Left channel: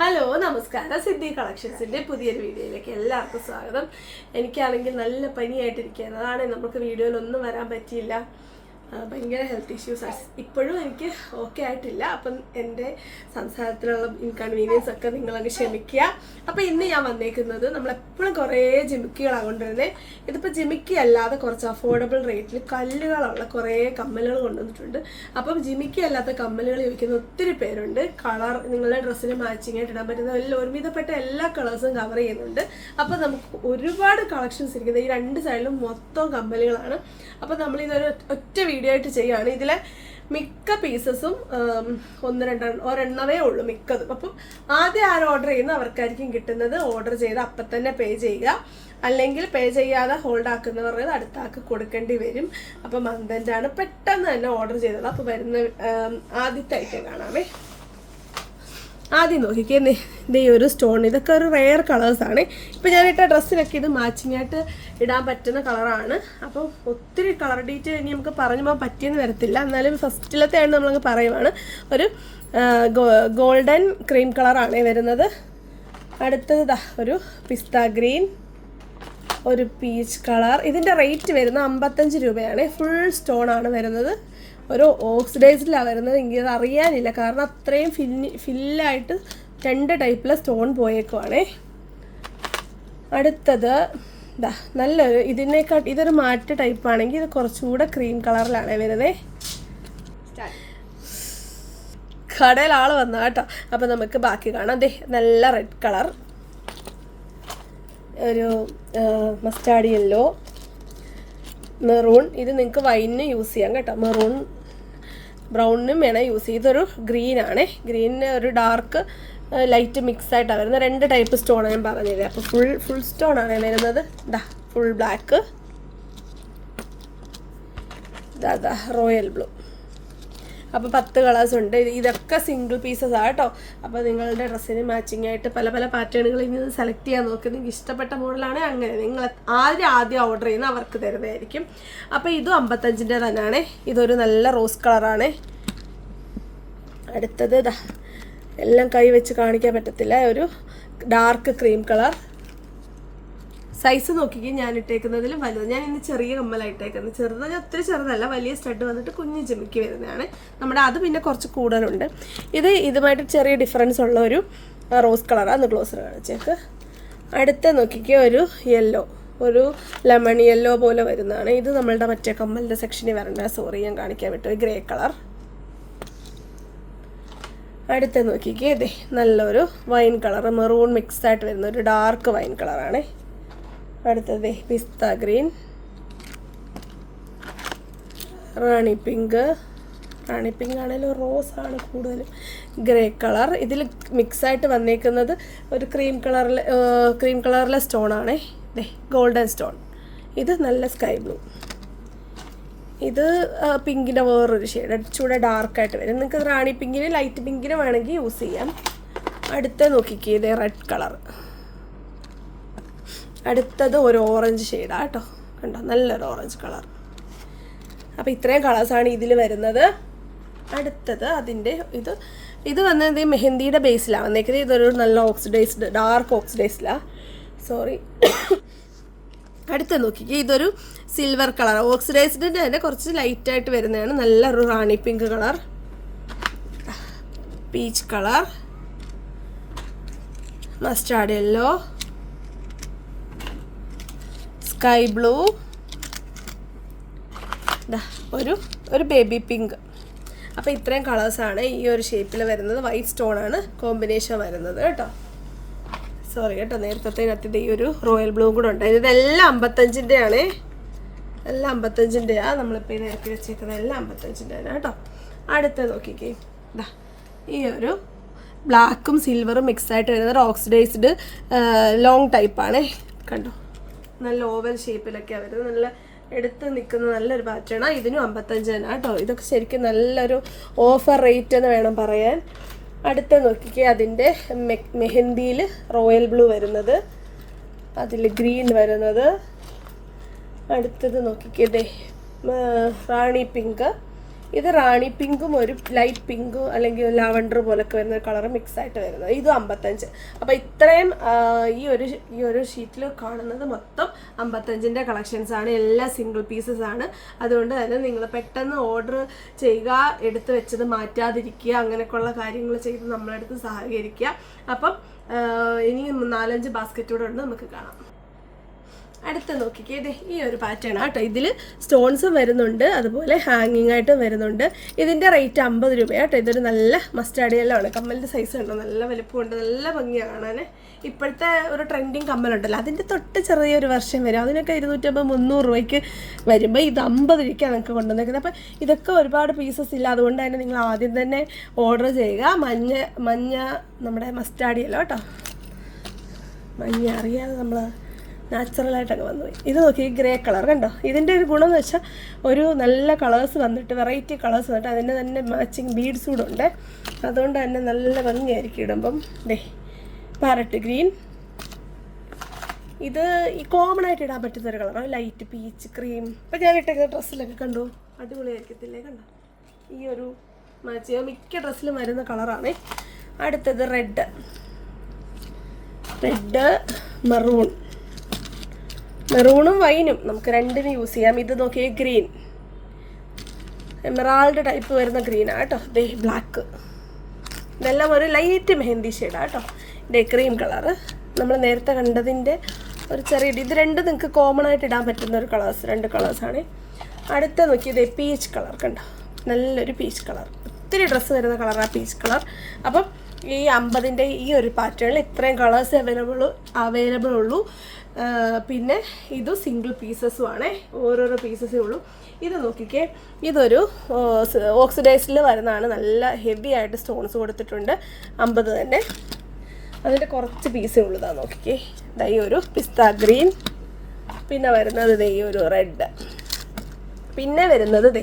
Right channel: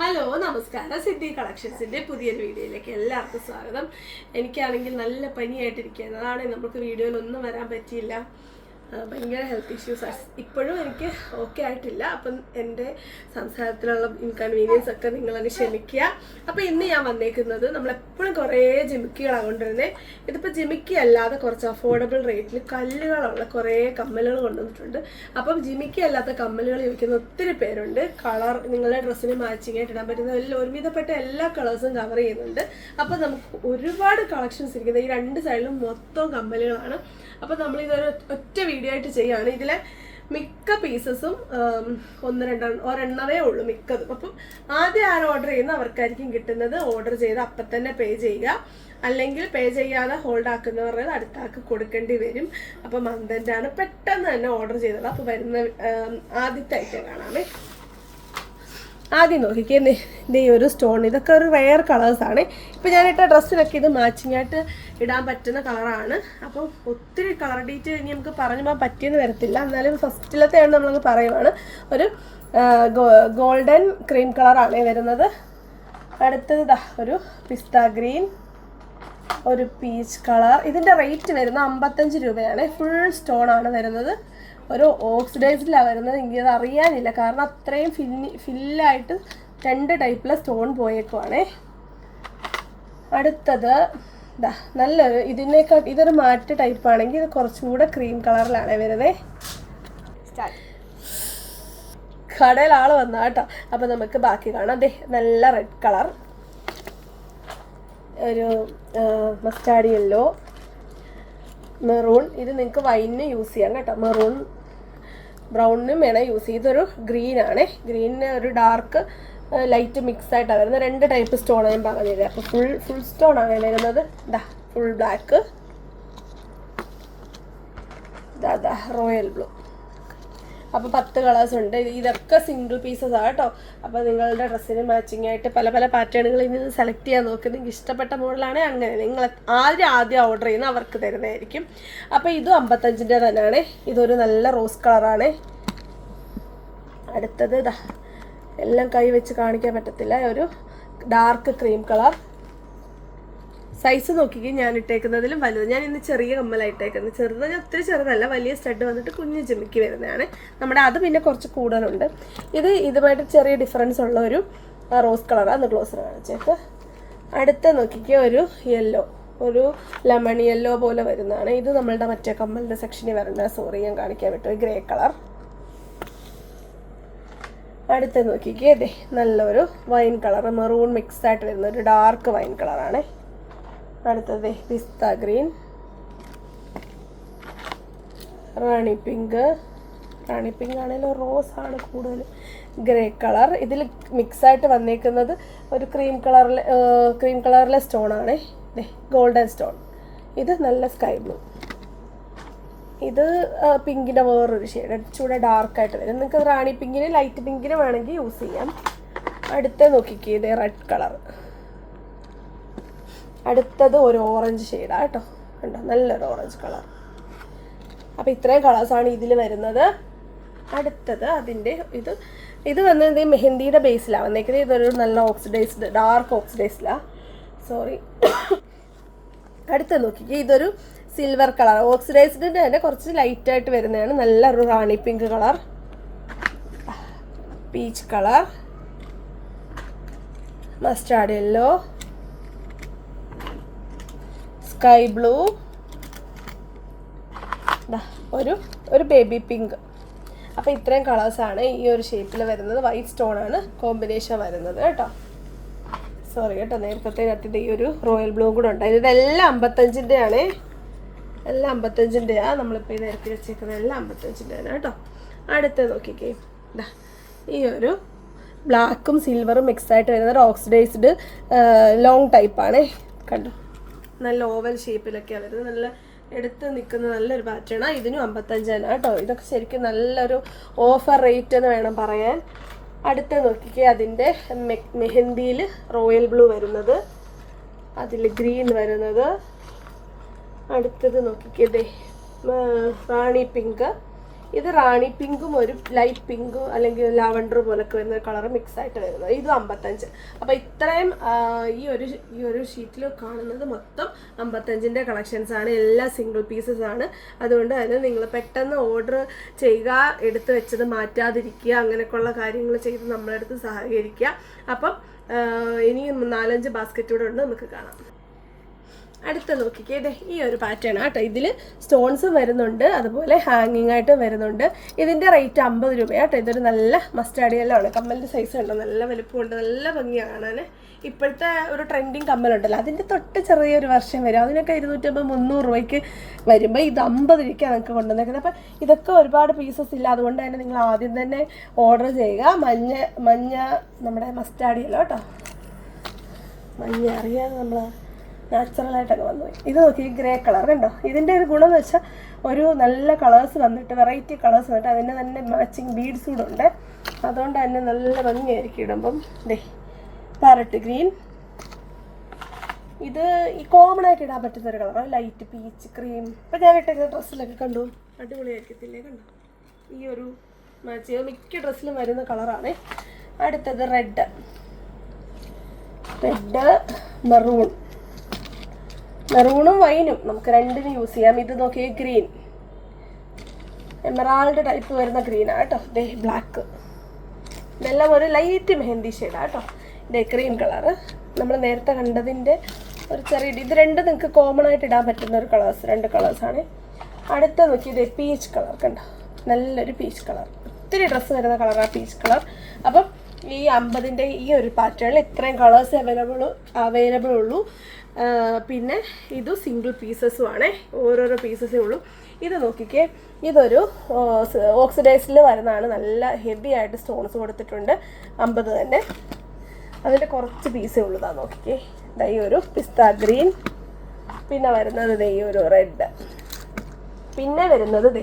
Hello നമസ്കാരം. സിദ്ധി കളക്ഷൻസിൻ്റെ പുതിയൊരു വീഡിയോയിലേക്ക് എല്ലാവർക്കും സ്വാഗതം. എനിക്കാണെങ്കിൽ നല്ല പനിയായിട്ടിരിക്കുകയാണ്. അതാണ് നമുക്ക് വീഡിയോയിലൊന്നും വരാൻ പറ്റിയില്ല. ഭയങ്കര ഹെൽത്ത് ഇഷ്യൂസ് ഇപ്പോഴും എനിക്ക് ഓക്കെ ആയിട്ടില്ല. അപ്പം എൻ്റെ സംസാരത്തിലുള്ള ഇൻകൺവീനിയൻസ് ഒക്കെ നിങ്ങളങ്ങ് ക്ഷമിക്കുക. അപ്പം ഇന്ന് ഞാൻ വന്നേക്കുന്നത് നമ്മളെപ്പോഴും കുറേ ജിമിക്കികളാണ് കൊണ്ടുവരുന്നത്. ഇതിപ്പോൾ ജിമിക്കി അല്ലാതെ കുറച്ച് അഫോർഡബിൾ റേറ്റിൽ കല്ലുകളുള്ള കുറേ കമ്മലുകൾ കൊണ്ടുവന്നിട്ടുണ്ട്. അപ്പം ജിമിക്കി അല്ലാത്ത കമ്മലുകൾ ചോദിക്കുന്ന ഒത്തിരി പേരുണ്ട്. കളർ നിങ്ങളുടെ ഡ്രസ്സിന് മാച്ചിങ് ആയിട്ട് ഇടാൻ പറ്റുന്ന ഒരുവിധപ്പെട്ട എല്ലാ കളേഴ്സും കവർ ചെയ്യുന്നുണ്ട്. അപ്പം നമുക്ക് ഒരുപാട് കളക്ഷൻസ് ഇരിക്കുന്നത് ഈ രണ്ട് സൈഡിലും മൊത്തം കമ്മലുകളാണ്. അപ്പം നമ്മളിതൊരു ഒറ്റ വീഡിയോ ആയിട്ട് ചെയ്യുകയാണ്. ഇതിലെ മിക്ക പീസസും ഒരെണ്ണവേ ഉള്ളൂ മിക്കതും. അപ്പം ആദ്യം ആര് ഓർഡർ ചെയ്യുന്ന അവർക്കായിരിക്കും കിട്ടുന്നത്. ഓർഡർ ചെയ്ത് അപ്പം തന്നെ പേ ചെയ്യുക, അല്ലെങ്കിൽ പേ ചെയ്യാതെ ഹോൾഡ് ആക്കുന്നവരുടെ അടുത്ത ആൾക്ക് കൊടുക്കേണ്ടി വരും. അപ്പം മന്ദൻ്റാണ് പെട്ടെന്ന് തന്നെ ഓർഡർ ചെയ്തത്. അപ്പോൾ വരുന്ന ആദ്യത്തെ ഐറ്റം കാണാമേ. ആദ്യം നോക്കിക്കേ, ഈ ഒരു സ്റ്റോൺ, ഇതൊക്കെ ഒരു റെയർ കളേഴ്സാണ്. ഇപ്പം ഞാനിട്ട ഡ്രസ്സിനൊക്കെ ഇത് മാച്ചിങ് ആയിട്ട് ഇടാൻ പറ്റുന്ന കളറാണ്. അപ്പം ഒത്തിരി കളർ ഡീറ്റെയിൽ ഇനി നമുക്ക് പറഞ്ഞുമ്പോൾ പറ്റിയെന്ന് വരത്തില്ല. എന്നാലും ഫസ്റ്റിലത്തെയാണ് നമ്മളങ്ങ് പറയുവാണ്. ഒരു ഗോൾഡൻ ക്രീം കളറാണ് വരുന്നത്. അടുത്തത് ഒരു പിസ്ത ഗ്രീൻ, ഒരു പീച്ച് കളർ. ഇതിൻ്റെ റേറ്റ് വരുന്നത് 55 രൂപയാണ്. ഫുൾ സ്റ്റോൺ ആണ് വരുന്നത്. ഒരു ഓക്സിഡൈസ്ഡിലാണ് വരുന്നത്. എനിക്കത് അറിയാനില്ല, കാരണം അത്രയും ഫില്ലായിട്ട് രണ്ട് ടൈപ്പിലെ സ്റ്റോൺ പോയേക്കുവാണേ. അടുത്തത് നല്ലൊരു ഇതൊരു മാറ്റ് ടൈപ്പാണെങ്കിൽ ഇത് കുറച്ചുകൂടെ ക്രീം കളറിലാണ് വരുന്നത്. കടയിൽ ആൾ വന്നാ കേട്ടോ. അപ്പം നമുക്ക് ബാക്കി കാണാം. അതെ, നല്ല റെഡ് കളർ, ഒരു മസ്റ്റാർഡ് യെല്ലോ, മെറൂൺ. ഇത് നിങ്ങൾക്ക് വൈനിന് യൂസ് ചെയ്യാം കേട്ടോ. മെറൂൺ ബ്രൗണിനും വേണം യൂസ് ചെയ്യും. ഇതൊരു ഗ്രീനാണ്. ഗ്രീനിന് ഒരു ഡാർക്ക് ലൈറ്റ് മിക്സ് ആയിട്ടാണ് വരുന്നത്. രണ്ട് ടൈപ്പ് സ്റ്റോണാണ് ഞാൻ പറഞ്ഞത്. അപ്പോൾ ഫുൾ സ്റ്റോണാണ് വരുന്നത്. Full black, royal blue. അപ്പോൾ 10 കളേഴ്സ് ഉണ്ട്. ഇതൊക്കെ സിംഗിൾ പീസസ് ആണ് കേട്ടോ. അപ്പോൾ നിങ്ങളുടെ ഡ്രസ്സിന് മാച്ചിങ് ആയിട്ട് പല പല പാറ്റേണുകളിൽ നിന്ന് സെലക്ട് ചെയ്യാൻ നോക്കുക. നിങ്ങൾക്ക് ഇഷ്ടപ്പെട്ട മോഡലാണ് അങ്ങനെ നിങ്ങൾ ആദ്യം ഓർഡർ ചെയ്യുന്ന അവർക്ക് തരുന്നതായിരിക്കും. അപ്പോൾ ഇതും 55 തന്നെയാണ്. ഇതൊരു നല്ല റോസ് കളറാണ്. അടുത്തത് എല്ലാം കൈ വെച്ച് കാണിക്കാൻ പറ്റത്തില്ല, ഒരു ഡാർക്ക് ക്രീം കളർ. സൈസ് നോക്കിക്കേ, ഞാൻ ഇട്ടേക്കുന്നതിലും വലുത്. ഞാൻ ഇന്ന് ചെറിയ കമ്മലായിട്ടേക്കുന്നത്. ചെറുതാണ്, ഒത്തിരി ചെറുതല്ല. വലിയ സ്റ്റഡ് വന്നിട്ട് കുഞ്ഞ് ജിമിക്ക് വരുന്നതാണ് നമ്മുടെ. അത് പിന്നെ കുറച്ച് കൂടുതലുണ്ട്. ഇതുമായിട്ട് ചെറിയ ഡിഫറൻസ് ഉള്ള ഒരു റോസ് കളറാണ്. അന്ന് ക്ലോസർ കാണിച്ചേക്ക്. അടുത്ത നോക്കിക്കേ, ഒരു യെല്ലോ, ഒരു ലെമൺ യെല്ലോ പോലെ വരുന്നതാണ്. ഇത് നമ്മളുടെ മറ്റേ കമ്മലിൻ്റെ സെക്ഷനിൽ വരേണ്ട. സോറി, ഞാൻ കാണിക്കാൻ വിട്ടു. Grey colour. അടുത്ത നോക്കിക്കേ, ഇതേ നല്ലൊരു വൈൻ കളർ, മെറൂൺ മിക്സ് ആയിട്ട് വരുന്ന ഒരു ഡാർക്ക് വൈൻ കളറാണ്. അടുത്തത് പിസ്ത ഗ്രീൻ, റാണി പിങ്ക് ആണെങ്കിലും റോസാണ് കൂടുതലും. Grey colour. ഇതിൽ മിക്സായിട്ട് വന്നേക്കുന്നത് ഒരു ക്രീം കളറിലെ സ്റ്റോണാണ്. Golden stone. ഇത് നല്ല സ്കൈ ബ്ലൂ. ഇത് പിങ്കിൻ്റെ വേറൊരു ഷെയ്ഡ്, ചൂടെ ഡാർക്കായിട്ട് വരും. നിങ്ങൾക്ക് റാണി പിങ്കിന് ലൈറ്റ് പിങ്കിന് വേണമെങ്കിൽ യൂസ് ചെയ്യാം. അടുത്ത നോക്കിക്കേ, ഇത് റെഡ് കളർ. അടുത്തത് ഒരു ഓറഞ്ച് ഷെയ്ഡാണ് കേട്ടോ. കണ്ടോ, നല്ലൊരു ഓറഞ്ച് കളർ. അപ്പോൾ ഇത്രയും കളേഴ്സാണ് ഇതിൽ വരുന്നത്. അടുത്തത് അതിൻ്റെ ഇത് വന്നത് മെഹന്തിയുടെ ബേസിലാണ് വന്നേക്കുന്നത്. ഇതൊരു നല്ല ഡാർക്ക് ഓക്സിഡൈസ്ഡാണ്. സോറി. അടുത്ത നോക്കിക്കേ, ഇതൊരു സിൽവർ കളർ. ഓക്സിഡൈസ്ഡിൻ്റെ തന്നെ കുറച്ച് ലൈറ്റായിട്ട് വരുന്നതാണ്. നല്ലൊരു rani pink colour, peach colour, mustard yellow, sky blue, ഒരു ബേബി പിങ്ക്. അപ്പോൾ ഇത്രയും കളേഴ്സാണ് ഈ ഒരു ഷേപ്പിൽ വരുന്നത്. വൈറ്റ് സ്റ്റോണാണ് കോമ്പിനേഷൻ വരുന്നത് കേട്ടോ. സോറി കേട്ടോ, നേരത്തെ ഈ ഒരു റോയൽ ബ്ലൂ കൂടെ ഉണ്ട്. ഇതെല്ലാം 55 എല്ലാം 55 നമ്മളിപ്പോൾ ഇത് ഇറക്കി വെച്ചേക്കുന്നത് എല്ലാം 55 കേട്ടോ. അടുത്തത് നോക്കിക്കേ, ഈ ഒരു ബ്ലാക്കും സിൽവറും മിക്സ് ആയിട്ട് വരുന്നത് ഓക്സിഡൈസ്ഡ് ലോങ് ടൈപ്പാണ്. കണ്ടോ, നല്ല ഓവൽ ഷേപ്പിലൊക്കെയാണ് വരുന്നത്. നല്ല എടുത്ത് നിൽക്കുന്ന നല്ലൊരു പാറ്റേണാണ്. ഇതിനും 55 കേട്ടോ. ഇതൊക്കെ ശരിക്കും നല്ലൊരു ഓഫർ റേറ്റ് എന്ന് വേണം പറയാൻ. അടുത്ത നോക്കിക്കേ, അതിൻ്റെ മെഹന്തിയിൽ റോയൽ ബ്ലൂ വരുന്നത്, അതിൽ ഗ്രീൻ വരുന്നത്. അടുത്തത് നോക്കിക്കേ, റാണി പിങ്ക്. ഇത് റാണി പിങ്കും ഒരു ലൈറ്റ് പിങ്കും അല്ലെങ്കിൽ ലാവണ്ടർ പോലൊക്കെ വരുന്ന കളർ മിക്സ് ആയിട്ട് വരുന്നത്. ഇത് 55. അപ്പോൾ ഇത്രയും ഈ ഒരു ഷീറ്റിൽ കാണുന്നത് മൊത്തം 55ൻ്റെ കളക്ഷൻസ് ആണ്. എല്ലാം സിംഗിൾ പീസസ് ആണ്. അതുകൊണ്ട് തന്നെ നിങ്ങൾ പെട്ടെന്ന് ഓർഡർ ചെയ്യുക, എടുത്ത് വെച്ചത് മാറ്റാതിരിക്കുക, അങ്ങനെയൊക്കെയുള്ള കാര്യങ്ങൾ ചെയ്ത് നമ്മളെടുത്ത് സഹകരിക്കുക. അപ്പം ഇനി 4-5 ബാസ്ക്കറ്റ് കൂടെ ഉണ്ട്, നമുക്ക് കാണാം. അടുത്ത നോക്കിക്കേ, ഇതേ ഈ ഒരു പാറ്റേൺ ആട്ടോ. ഇതിൽ സ്റ്റോൺസും വരുന്നുണ്ട്, അതുപോലെ ഹാങ്ങിങ് ആയിട്ടും വരുന്നുണ്ട്. ഇതിൻ്റെ റേറ്റ് 50 രൂപയാട്ടോ. ഇതൊരു നല്ല മസ്റ്റാർഡ് യെല്ലോ ആണ്. കമ്മലിൻ്റെ സൈസ് ഉണ്ടോ, നല്ല വലുപ്പമുണ്ട്, നല്ല ഭംഗിയാണ് കാണാൻ. ഇപ്പോഴത്തെ ഒരു ട്രെൻഡിങ് കമ്മലുണ്ടല്ലോ, അതിൻ്റെ തൊട്ട് ചെറിയൊരു വർഷം വരും, അതിനൊക്കെ 250-300 രൂപയ്ക്ക് വരുമ്പോൾ ഇത് 50 രൂപയ്ക്കാണ് നിങ്ങൾക്ക് കൊണ്ടുവന്നേക്കുന്നത്. അപ്പം ഇതൊക്കെ ഒരുപാട് പീസസ് ഇല്ല, അതുകൊണ്ട് തന്നെ നിങ്ങൾ ആദ്യം തന്നെ ഓർഡർ ചെയ്യുക. മഞ്ഞ നമ്മുടെ മസ്റ്റാർഡ് യെല്ലോ കേട്ടോ, മഞ്ഞ അറിയാതെ നമ്മൾ നാച്ചുറലായിട്ടൊക്കെ വന്നുപോയി. ഇത് നോക്കി, ഗ്രേ കളർ കണ്ടോ. ഇതിൻ്റെ ഒരു ഗുണം എന്ന് വെച്ചാൽ ഒരു നല്ല കളേഴ്സ് വന്നിട്ട്, വെറൈറ്റി കളേഴ്സ് വന്നിട്ട് അതിൻ്റെ തന്നെ മാച്ചിങ് ബീഡ്സ് കൂടെ ഉണ്ട്. അതുകൊണ്ട് തന്നെ നല്ല ഭംഗിയായിരിക്കും ഇടുമ്പം. ദേ പാരറ്റ് ഗ്രീൻ, ഇത് ഈ കോമൺ ആയിട്ട് ഇടാൻ പറ്റുന്നൊരു കളറാണ്, ലൈറ്റ് പീച്ച് ക്രീം. ഇപ്പം ഞാൻ ഇട്ട ഡ്രസ്സിലൊക്കെ കണ്ടു, അടിപൊളിയായിരിക്കത്തില്ലേ കണ്ടോ. ഈ ഒരു മാച്ച് മിക്ക ഡ്രസ്സിലും വരുന്ന കളറാണ്. അടുത്തത് റെഡ് മെറൂണും വൈനും നമുക്ക് രണ്ടിനും യൂസ് ചെയ്യാം. ഇത് നോക്കിയേ, ഗ്രീൻ എമറാൾഡ് ടൈപ്പ് വരുന്ന ഗ്രീനാണ് കേട്ടോ. ദേ ബ്ലാക്ക്, ഇതെല്ലാം ഒരു ലൈറ്റ് മെഹന്തി ഷെയ്ഡാണ് കേട്ടോ. ദേ ക്രീം കളറ്, നമ്മൾ നേരത്തെ കണ്ടതിൻ്റെ ഒരു ചെറിയ ഇത് രണ്ടും നിങ്ങൾക്ക് കോമൺ ആയിട്ട് ഇടാൻ പറ്റുന്ന ഒരു രണ്ട് കളേഴ്സാണ്. അടുത്ത നോക്കിയത് പീച്ച് കളർ കണ്ടോ, നല്ലൊരു പീച്ച് കളർ. ഒത്തിരി ഡ്രസ്സ് വരുന്ന കളറാണ് പീച്ച് കളർ. അപ്പം ഈ 50ൻ്റെ ഈ ഒരു പാറ്റേണിൽ ഇത്രയും കളേഴ്സ് അവൈലബിൾ ഉള്ളൂ. പിന്നെ ഇത് സിംഗിൾ പീസസും ആണേ, ഓരോരോ പീസസേ ഉള്ളൂ. ഇത് നോക്കിക്കേ, ഇതൊരു ഓക്സിഡൈസിൽ വരുന്നതാണ്, നല്ല ഹെവി ആയിട്ട് സ്റ്റോൺസ് കൊടുത്തിട്ടുണ്ട്. 50 തന്നെ, അതിൻ്റെ കുറച്ച് പീസേ ഉള്ളൂ. നോക്കിക്കേ, ഈ ഒരു പിസ്ത ഗ്രീൻ, പിന്നെ വരുന്നത് ഈ ഒരു റെഡ്, പിന്നെ വരുന്നത്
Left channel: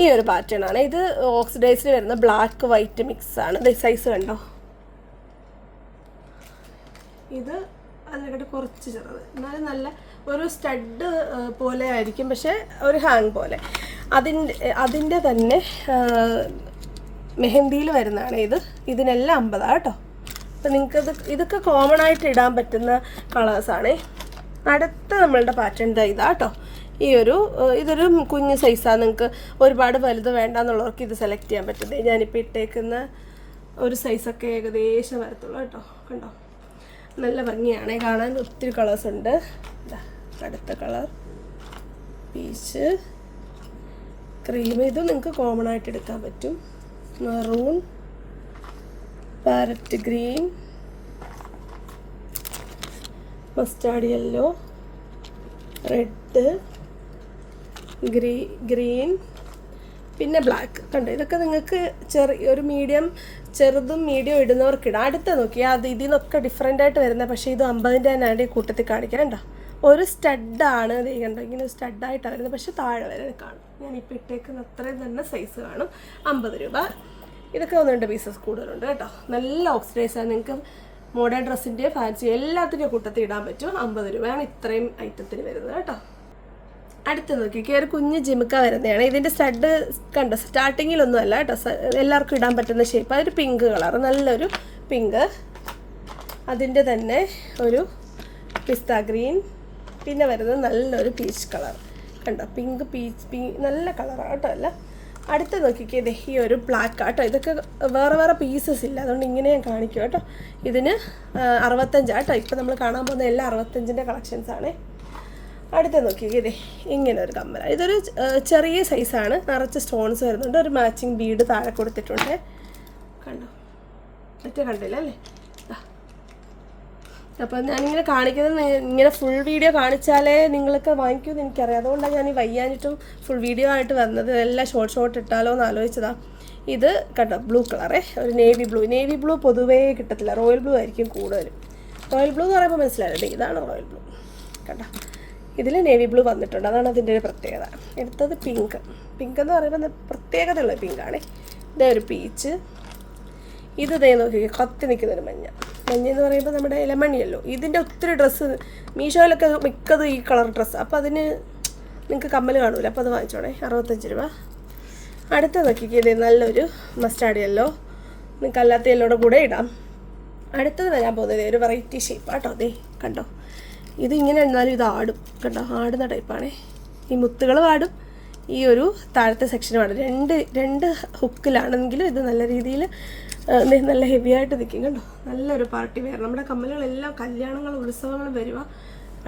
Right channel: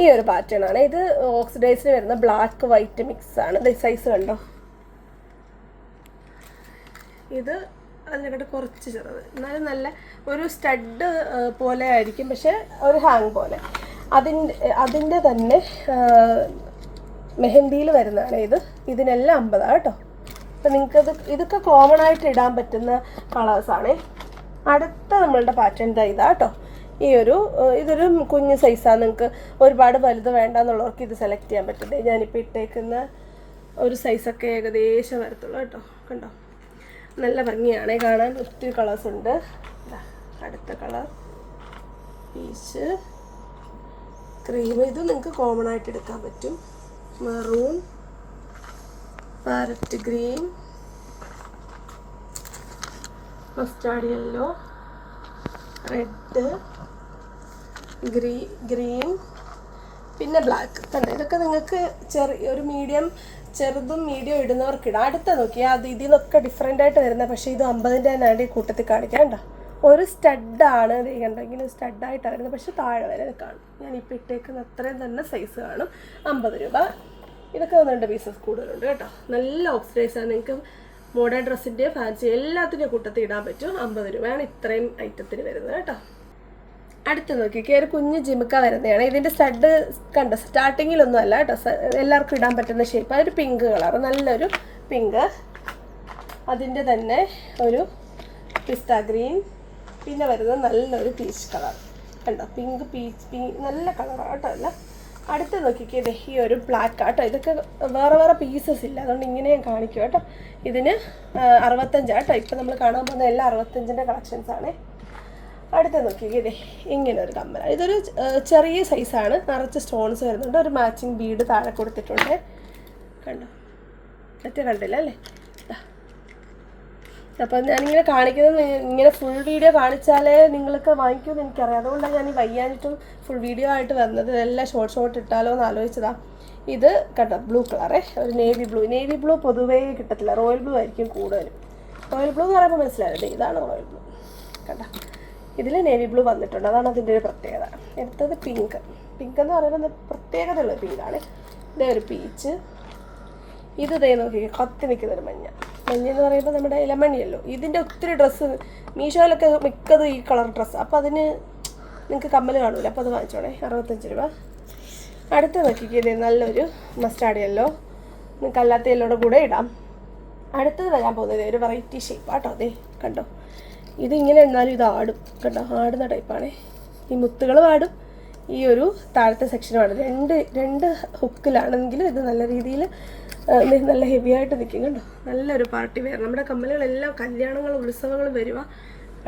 ഈ ഒരു പാറ്റേൺ ആണ്. ഇത് ഓക്സിഡൈസിൽ വരുന്ന ബ്ലാക്ക് വൈറ്റ് മിക്സ് ആണ്. സൈസ് കണ്ടോ, ഇത് അതിനെക്കാട്ട് കുറച്ച് ചെറുത്, എന്നാലും നല്ല ഒരു സ്റ്റഡ് പോലെ ആയിരിക്കും, പക്ഷേ ഒരു ഹാങ് പോലെ. അതിൻ്റെ തന്നെ മെഹന്തിയിൽ വരുന്നതാണ് ഇത്. ഇതിനെല്ലാം 50 കേട്ടോ. അപ്പം നിങ്ങൾക്കത് ഇതൊക്കെ കോമൺ ആയിട്ട് ഇടാൻ പറ്റുന്ന കളേഴ്സാണ്. അടുത്ത നമ്മളുടെ പാറ്റേൺ ഇതാ കേട്ടോ. ഇതൊരു കുഞ്ഞ് സൈസാണ്. നിങ്ങൾക്ക് ഒരുപാട് വലുത് വേണ്ടെന്നുള്ളവർക്ക് ഇത് സെലക്ട് ചെയ്യാൻ പറ്റുന്നത്. ഞാനിപ്പോൾ ഇട്ടേക്കുന്ന ഒരു സൈസൊക്കെ ഏകദേശം വരത്തുള്ളൂ കേട്ടോ. കണ്ടോ, നല്ല ഭംഗിയാണ് കാണാൻ. ഒത്തിരി കളേഴ്സ് ഉണ്ട്. അടുത്ത കളർ പീച്ച് ക്രീം, ഇത് നിങ്ങൾക്ക് കോമൺ ആയിട്ട് എടുക്കാൻ പറ്റും. Maroon, parrot green, mustard yellow, red, green, പിന്നെ ബ്ലാക്ക്. കണ്ടോ, ഇതൊക്കെ നിങ്ങൾക്ക് ഒരു ചെറുതും മീഡിയം ഇടുന്നവർക്കിടാം. അടുത്ത നോക്കിയാൽ അത് ഇതിൽ നിന്നൊക്കെ ഡിഫറെൻ്റ് ആയിട്ട് വരുന്നത്, പക്ഷേ ഇത് 50ൻ്റെ തന്നെ കൂട്ടത്തിൽ കാണിക്കാം. കണ്ടോ, ഒരു സ്റ്റഡാണ്. കണ്ടോ, ഇങ്ങനെ സ്റ്റഡായിട്ടാണ് വരുന്നത്, പക്ഷേ താഴെ വരെ കാണും. ഞാനിപ്പോൾ ഇട്ടേക്കുന്ന അത്രയും തന്നെ സൈസ് കാണും. 50 രൂപ. ഇതൊക്കെ 1-2 പീസസ് കൂടുതലുണ്ട് കേട്ടോ. നല്ല ഓക്സിഡൈസാണ്. നിങ്ങൾക്ക് മോഡേൺ ഡ്രസ്സിൻ്റെ ഫാൻസി എല്ലാത്തിൻ്റെ കൂട്ടത്തിൽ ഇടാൻ പറ്റും. 50 രൂപയാണ് ഇത്രയും ഐറ്റത്തിന് വരുന്നത് കേട്ടോ. അടുത്ത് നോക്കിക്കേ, ഒരു കുഞ്ഞ് ജിമുക്ക വരുന്നതാണ്. ഇതിൻ്റെ സ്റ്റഡ് കണ്ടോ, സ്റ്റാർട്ടിങ്ങിലൊന്നും അല്ല കേട്ടോ, എല്ലാവർക്കും ഇടാൻ പറ്റുന്ന ഷേപ്പ്. അതൊരു പിങ്ക് കളർ, നല്ലൊരു പിങ്ക്. അതിൻ്റെ തന്നെ ഒരു പിസ്ത ഗ്രീൻ, പിന്നെ വരുന്നത് നല്ലൊരു പീച്ച് കളർ. കണ്ടോ, പിങ്ക് പീച്ച് നല്ല കളറാണ് കേട്ടോ. അല്ല, അടുത്ത് നോക്കിക്കേ, ഈ ഒരു ബ്ലാക്ക് കേട്ടോ. ഇതൊക്കെ വേറെ പീസസ് ഇല്ല, അതുകൊണ്ട് ഇങ്ങനെ ഞാൻ കാണിക്കും കേട്ടോ. ഇതിന് 65 കേട്ടോ. ഇപ്പം നമ്മൾ കാണാൻ പോകുന്ന എല്ലാം 65ൻ്റെ കളക്ഷൻസാണ്. അടുത്ത് നോക്കിക്കേ, ഇങ്ങനെ ഒരു കമ്മലാണ്. ഇതൊരു ചെറിയ സൈസാണ്, നിറച്ച് സ്റ്റോൺസ് വരുന്നുണ്ട്. ഒരു മാച്ചിങ് ബീഡ് താഴെ കൊടുത്തിട്ടുണ്ട്. കണ്ടോ, മറ്റേ കണ്ടില്ല അല്ലേ. അപ്പം ഞാനിങ്ങനെ കാണിക്കുന്നത്, ഇങ്ങനെ ഫുൾ വീഡിയോ കാണിച്ചാലേ നിങ്ങൾക്ക് വാങ്ങിക്കുമെന്ന് എനിക്കറിയാം. അതുകൊണ്ടാണ് ഞാൻ ഈ വയ്യാനിട്ടും ഫുൾ വീഡിയോ ആയിട്ട് വന്നത്. എല്ലാം ഷോർട്ട് ഇട്ടാലോ എന്ന് ആലോചിച്ചതാണ്. ഇത് കണ്ടോ, ബ്ലൂ കളറേ, ഒരു നേവി ബ്ലൂ പൊതുവേ കിട്ടത്തില്ല, റോയൽ ബ്ലൂ ആയിരിക്കും കൂടുതലും. റോയൽ ബ്ലൂ എന്ന് പറയുമ്പോൾ മനസ്സിലായില്ലേ, ഇതാണ് റോയൽ ബ്ലൂ. കണ്ടോ, ഇതിൽ നേവി ബ്ലൂ വന്നിട്ടുണ്ട്, അതാണ് അതിൻ്റെ ഒരു പ്രത്യേകത. അടുത്തത് പിങ്ക് എന്ന് പറയുമ്പോൾ പ്രത്യേകതയുള്ള പിങ്കാണ്. ഇതേ ഒരു പീച്ച്. ഇത് ഇതേ നോക്കി, കത്തി നിൽക്കുന്നൊരു മഞ്ഞ എന്ന് പറയുമ്പോൾ നമ്മുടെ ഇലമണിയല്ലോ. ഇതിൻ്റെ ഒത്തിരി ഡ്രസ്സ് മീഷോയിലൊക്കെ മിക്കത് ഈ കളർ ഡ്രസ്സ്. അപ്പോൾ അതിന് നിങ്ങൾക്ക് കമ്മൽ കാണൂല, അപ്പോൾ അത് വാങ്ങിച്ചോണേ. 65 രൂപ. അടുത്ത നോക്കിക്കേ, ഇത് നല്ലൊരു മസ്റ്റാർഡ് യെല്ലോ, നിങ്ങൾക്ക് അല്ലാത്ത യെല്ലോയുടെ കൂടെ ഇടാം. അടുത്തത് വരാൻ പോകുന്നത് ഒരു വെറൈറ്റി ഷേപ്പ് ആട്ടോ. അതേ കണ്ടോ, ഇതിങ്ങനെ എന്നാലും ഇത് ആടും കണ്ടോ, ആടുന്ന ടൈപ്പാണേ. ഈ മുത്തുകൾ ആടും, ഈ ഒരു താഴത്തെ സെക്ഷനും ആടും. രണ്ട് ഹുക്കിലാണെങ്കിലും ഇത് നല്ല രീതിയിൽ നല്ല ഹെവി ആയിട്ട് നിൽക്കും കണ്ടോ. നല്ലൊരു പാർട്ടി വെയർ. നമ്മുടെ കമ്മലുകളെല്ലാം കല്യാണങ്ങൾ ഉത്സവങ്ങൾ വരുക,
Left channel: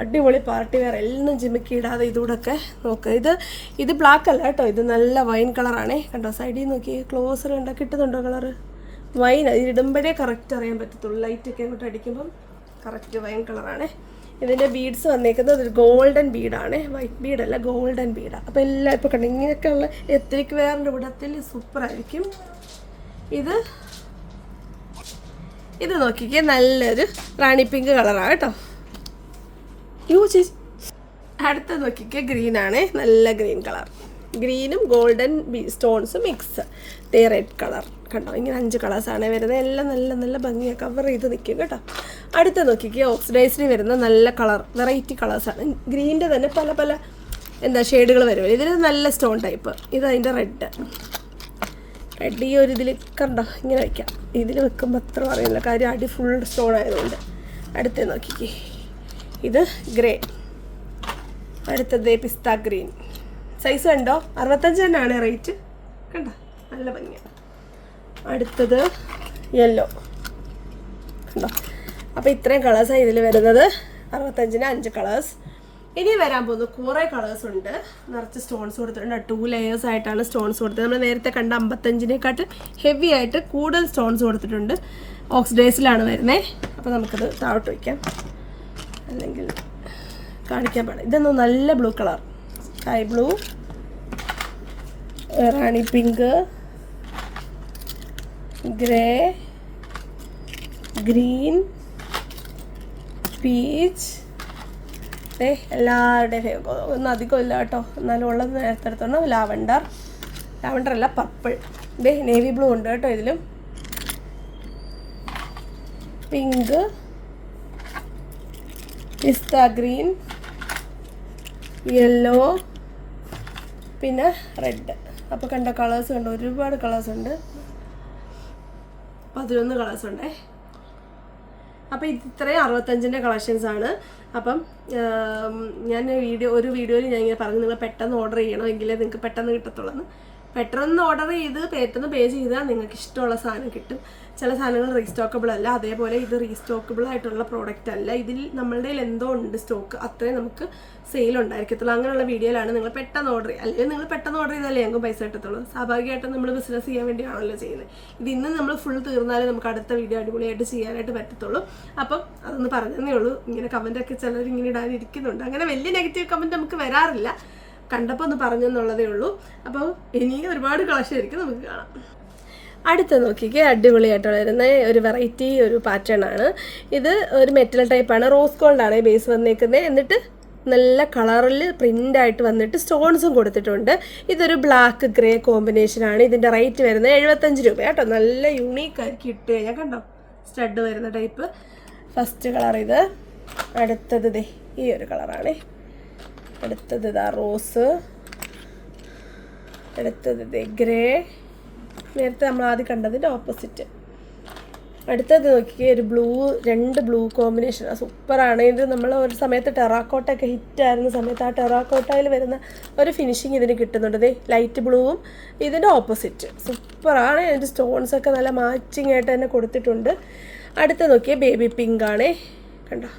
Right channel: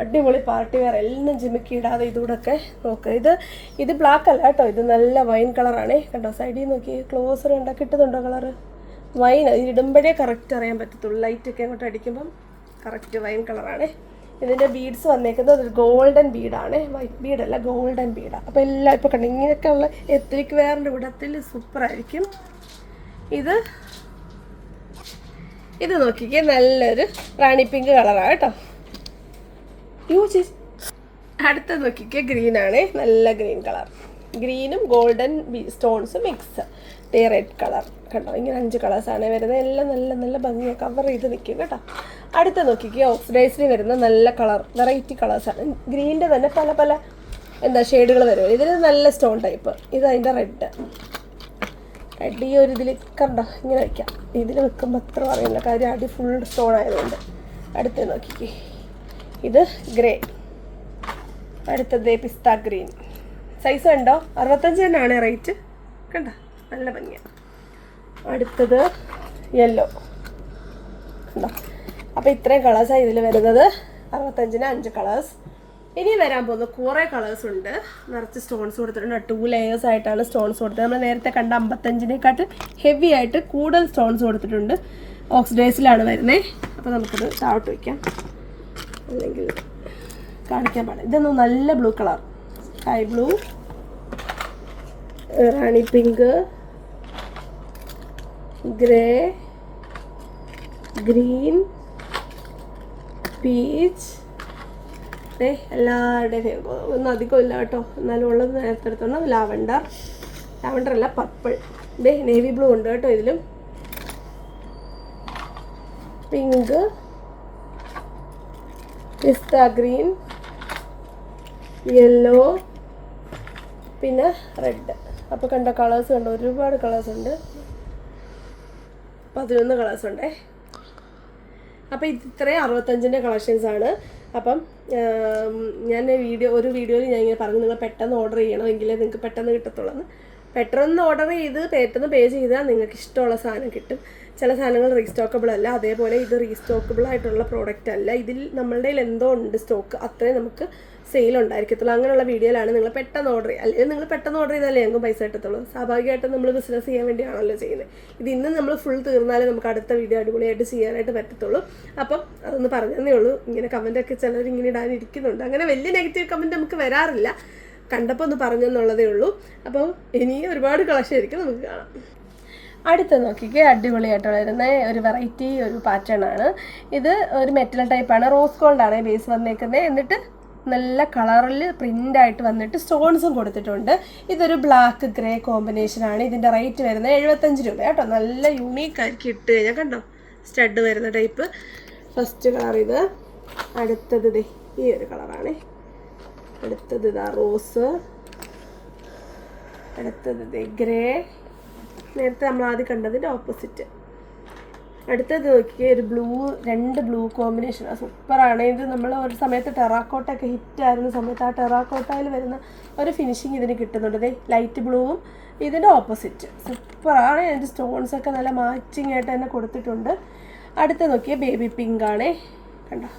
അടിപൊളി പാർട്ടി വെയർ, എല്ലാം ജിമിക്കി ഇടാതെ ഇതുകൂടൊക്കെ നോക്കുക. ഇത് ബ്ലാക്ക് അല്ല കേട്ടോ, ഇത് നല്ല വൈൻ കളറാണേ കണ്ടോ. സൈഡിൽ നോക്കി ക്ലോസർ കണ്ടോ, കിട്ടുന്നുണ്ടോ കളറ്? വൈൻ. ഇതിടുമ്പോഴേ കറക്റ്റ് അറിയാൻ പറ്റത്തുള്ളൂ, ലൈറ്റൊക്കെ അങ്ങോട്ട് അടിക്കുമ്പം കറക്റ്റ് വൈൻ കളറാണ്. ഇതിൻ്റെ ബീഡ്സ് വന്നേക്കുന്നത് ഒരു ഗോൾഡൻ ബീഡാണ്, വൈറ്റ് ബീഡല്ല, ഗോൾഡൻ ബീഡാണ്. അപ്പോൾ എല്ലാം ഇപ്പോൾ കണ്ടു ഇങ്ങനെയൊക്കെ ഉള്ള എത്രിക് വെയറിൻ്റെ കൂടത്തിൽ സൂപ്പറായിരിക്കും. ഇത് നോക്കിക്കേ, നല്ലൊരു റാണി പിങ്ക് കളറാണ് കേട്ടോ. അടുത്ത നോക്കിക്കേ, ഗ്രീനാണേ, നല്ല ഗ്രീൻ കളർ, ഗ്രീനും ഗോൾഡൻ സ്റ്റോൺസും മിക്സ്. റെഡ് കളർ കണ്ടോ, ഇങ്ങനെ 5 കളേഴ്സാണ് വരുന്നത്. എല്ലാം നല്ല നല്ല ഭംഗിയാണ്, കവർ ചെയ്ത് നിൽക്കും കേട്ടോ. അടുത്ത നോക്കിക്കുക, ഓക്സിഡൈസിന് വരുന്ന നല്ല കളർ, വെറൈറ്റി കളേഴ്സാണ്. ഗ്രീനിൻ്റെ തന്നെ പല പല ഷെയ്ഡുകൾ വരുമല്ലോ. ഇതിൽ നല്ല സ്റ്റോൺ ടൈപ്പ്, ഇത് അതിൻ്റെ റെഡ് ഈ ഒരു ഇതിൽ കണ്ടോ, ഇങ്ങനെ വയ്ക്കാം. ഇതിൽ വെക്കുമ്പോൾ അത്ര അറിയില്ല, കാര്യം അടി ഫുൾ സ്റ്റോൺ ആയതുകൊണ്ട്. അടുത്ത നോക്കിക്കേ, ഇത് ഗ്രേ, അടുത്തത് പിസ്ത ഗ്രീൻ. സൈസ് കണ്ടോ, 65 തന്നെയാണ് റേറ്റ് കണ്ടോ, നല്ല ഭംഗിയാണ്. അടുത്തത് യെല്ലോ കണ്ടോ. അപ്പോൾ ഇത്രയും കളേഴ്സാണ് ഇതിൽ വരുന്നത്. 65-ന് 5 കളേഴ്സ്. ഇനി വരാൻ പോകുന്ന കുറേ കളേഴ്സ് ഉണ്ട്. നിറച്ച് സ്റ്റോൺസ് കൊടുത്തിട്ടുണ്ട്. 2 ലെയേഴ്സ് ആയിട്ടാണ് സ്റ്റോൺസ് കൊടുത്തത്. നമ്മൾ നേരത്തെ കണ്ട 55-നെക്കാട്ട് ഹെവി ആയിട്ട് കൂടുതൽ സ്റ്റോൺസ് കൊടുത്തിട്ടുണ്ട്. ഓക്സിഡൈസിലാണ് വരുന്നത്. അപ്പോൾ നമുക്കത് താഴോട്ട് വയ്ക്കാം, അല്ലെങ്കിൽ കാണിക്കാൻ പാടില്ല. ഇതൊന്നും നല്ല ബ്ലൂ കളർ, സ്കൈ ബ്ലൂ, റാണി പിങ്ക്, ഗ്രേ, ഗ്രീൻ, പീച്ച്. എല്ലാവരുടെയും ഒന്നും അധികം ഇല്ല കേട്ടോ, എന്നാലും ഉള്ളത് നേരത്തെ എടുത്തോണ്ട്. ലാവണ്ടർ അല്ല, പർപ്പിൾ. നേവി ബ്ലൂ ഉണ്ട് കേട്ടോ ഇതിലും. പിങ്ക്, പിസ്ത ഗ്രീൻ, യെല്ലോ, പിന്നെ റെഡ്. അപ്പോൾ കണ്ടോ കളേഴ്സ് കണ്ടോ, ഒരുപാട് കളേഴ്സ് ഉണ്ട്. 11 കളേഴ്സ് ഉണ്ടേ. അപ്പോൾ ഇത്രയും 65-ൻ്റെ കളക്ഷൻസാണ്. അപ്പം ഞാൻ ഒരു വീഡിയോയിൽ ഞാൻ ഇങ്ങനെ പറഞ്ഞു, നിങ്ങൾ പെട്ടെന്ന് ഓർഡർ ചെയ്യണം, എങ്കിലേ നിങ്ങൾക്ക് പെട്ടെന്ന് കിട്ടത്തുള്ളൂ. പെട്ടെന്ന് ഓർഡർ ചെയ്ത് പെട്ടെന്ന് പേ ചെയ്താൽ നിങ്ങൾക്ക് ഇഷ്ടമുള്ള സാധനം കിട്ടും. ചില സാധനങ്ങൾ റീസ്റ്റോക്കബിൾ അല്ല, അതേപോലെ ഇത് റീസ്റ്റോക്കബിൾ ആയിട്ടുള്ള പ്രോഡക്റ്റ് അല്ല. ഇതിൽ നമ്മളുടെ എന്തോ ഉണ്ട് സ്റ്റോക്ക്, അത്രയും നമുക്ക് സെയിൽ ഉണ്ടായിരിക്കത്തുള്ളൂ. അങ്ങനെയുള്ള വീഡിയോയിലാണ് നിങ്ങൾ പെട്ടെന്ന് ഓർഡർ ചെയ്യുക. അല്ലെങ്കിൽ നിങ്ങൾ പെട്ടെന്ന് ഓർഡർ ചെയ്താലേ ഞങ്ങൾക്ക് പൈസ കിട്ടത്തുള്ളൂ. സ്വാഭാവികമായിട്ടും നമ്മൾ ബിസിനസ് ചെയ്യാൻ വേണ്ടിയാണല്ലോ ചെയ്യുന്നത്. ഇത് ഇന്ന് നമ്മൾ ഫുൾ തീർന്നാലേ നമുക്ക് അടുത്ത വീഡിയോ അടിപൊളിയായിട്ട് ചെയ്യാനായിട്ട് പറ്റത്തുള്ളൂ. അപ്പം അതൊന്ന് പറഞ്ഞതേ ഉള്ളൂ. ഇങ്ങനെ കമൻറ്റൊക്കെ ചിലർ ഇങ്ങനെ ഇടാനിരിക്കുന്നുണ്ട്. അങ്ങനെ വലിയ നെഗറ്റീവ് കമൻറ്റ് നമുക്ക് വരാറില്ല, കണ്ടപ്പോൾ ഒന്ന് പറഞ്ഞെന്നുള്ളതേ ഉള്ളൂ. അപ്പോൾ ഇനി ഒരുപാട് കളക്ഷൻ ആയിരിക്കും, നമുക്ക് കാണാം. അടുത്ത് നോക്കിക്കേ, അടിപൊളിയായിട്ട് വരുന്ന ഒരു വെറൈറ്റി ഒരു പാറ്റേൺ ആണ്. ഇത് ഒരു മെറ്റൽ ടൈപ്പാണ്, റോസ് ഗോൾഡാണ് ബേസ് വന്നേക്കുന്നത്. എന്നിട്ട് നല്ല കളറിൽ പ്രിൻ്റായിട്ട് വന്നിട്ട് സ്റ്റോൺസും കൊടുത്തിട്ടുണ്ട്. ഇതൊരു ബ്ലാക്ക് ഗ്രേ കോമ്പിനേഷനാണ്. ഇതിൻ്റെ റേറ്റ് വരുന്നത് 75 രൂപ കേട്ടോ. നല്ല യൂണീക്കായിരിക്കും ഇട്ട് കഴിഞ്ഞാൽ കണ്ടോ, സ്റ്റഡ് വരുന്ന ടൈപ്പ്. ഫസ്റ്റ് കളർ ഇത്. അടുത്തത് ഈ ഒരു കളറാണ്. അടുത്തത് ഇതാ റോസ്. അടുത്തത് ഗ്രേ, നേരത്തെ നമ്മൾ ആദ്യം കണ്ടതിൻ്റെ ഓപ്പോസിറ്റ്. അടുത്തത് നോക്കി ഒരു ബ്ലൂ, 2 ബ്ലൂ കോമ്പിനേഷനാണ്, സൂപ്പറാണ്. ഇത് നമ്മൾ ഒരു സമയത്ത് ടെറാക്കോട്ടൊക്കെ ഹിറ്റായിരുന്ന സമയത്ത് ആ ടെറാക്കോട്ടയിൽ വരുന്ന ഒരു ഫിനിഷിങ് ഇതിന് കിട്ടുന്നുണ്ട്. ലൈറ്റ് ബ്ലൂവും ഇതിൻ്റെ ഓപ്പോസിറ്റ്, സൂപ്പറാണ്. അതിൻ്റെ സ്റ്റോൺസൊക്കെ നല്ല മാച്ചിങ് ആയിട്ട് തന്നെ കൊടുത്തിട്ടുണ്ട്. അടുത്ത നോക്കിയാൽ ബേബി പിങ്ക് ആണ് കണ്ടോ,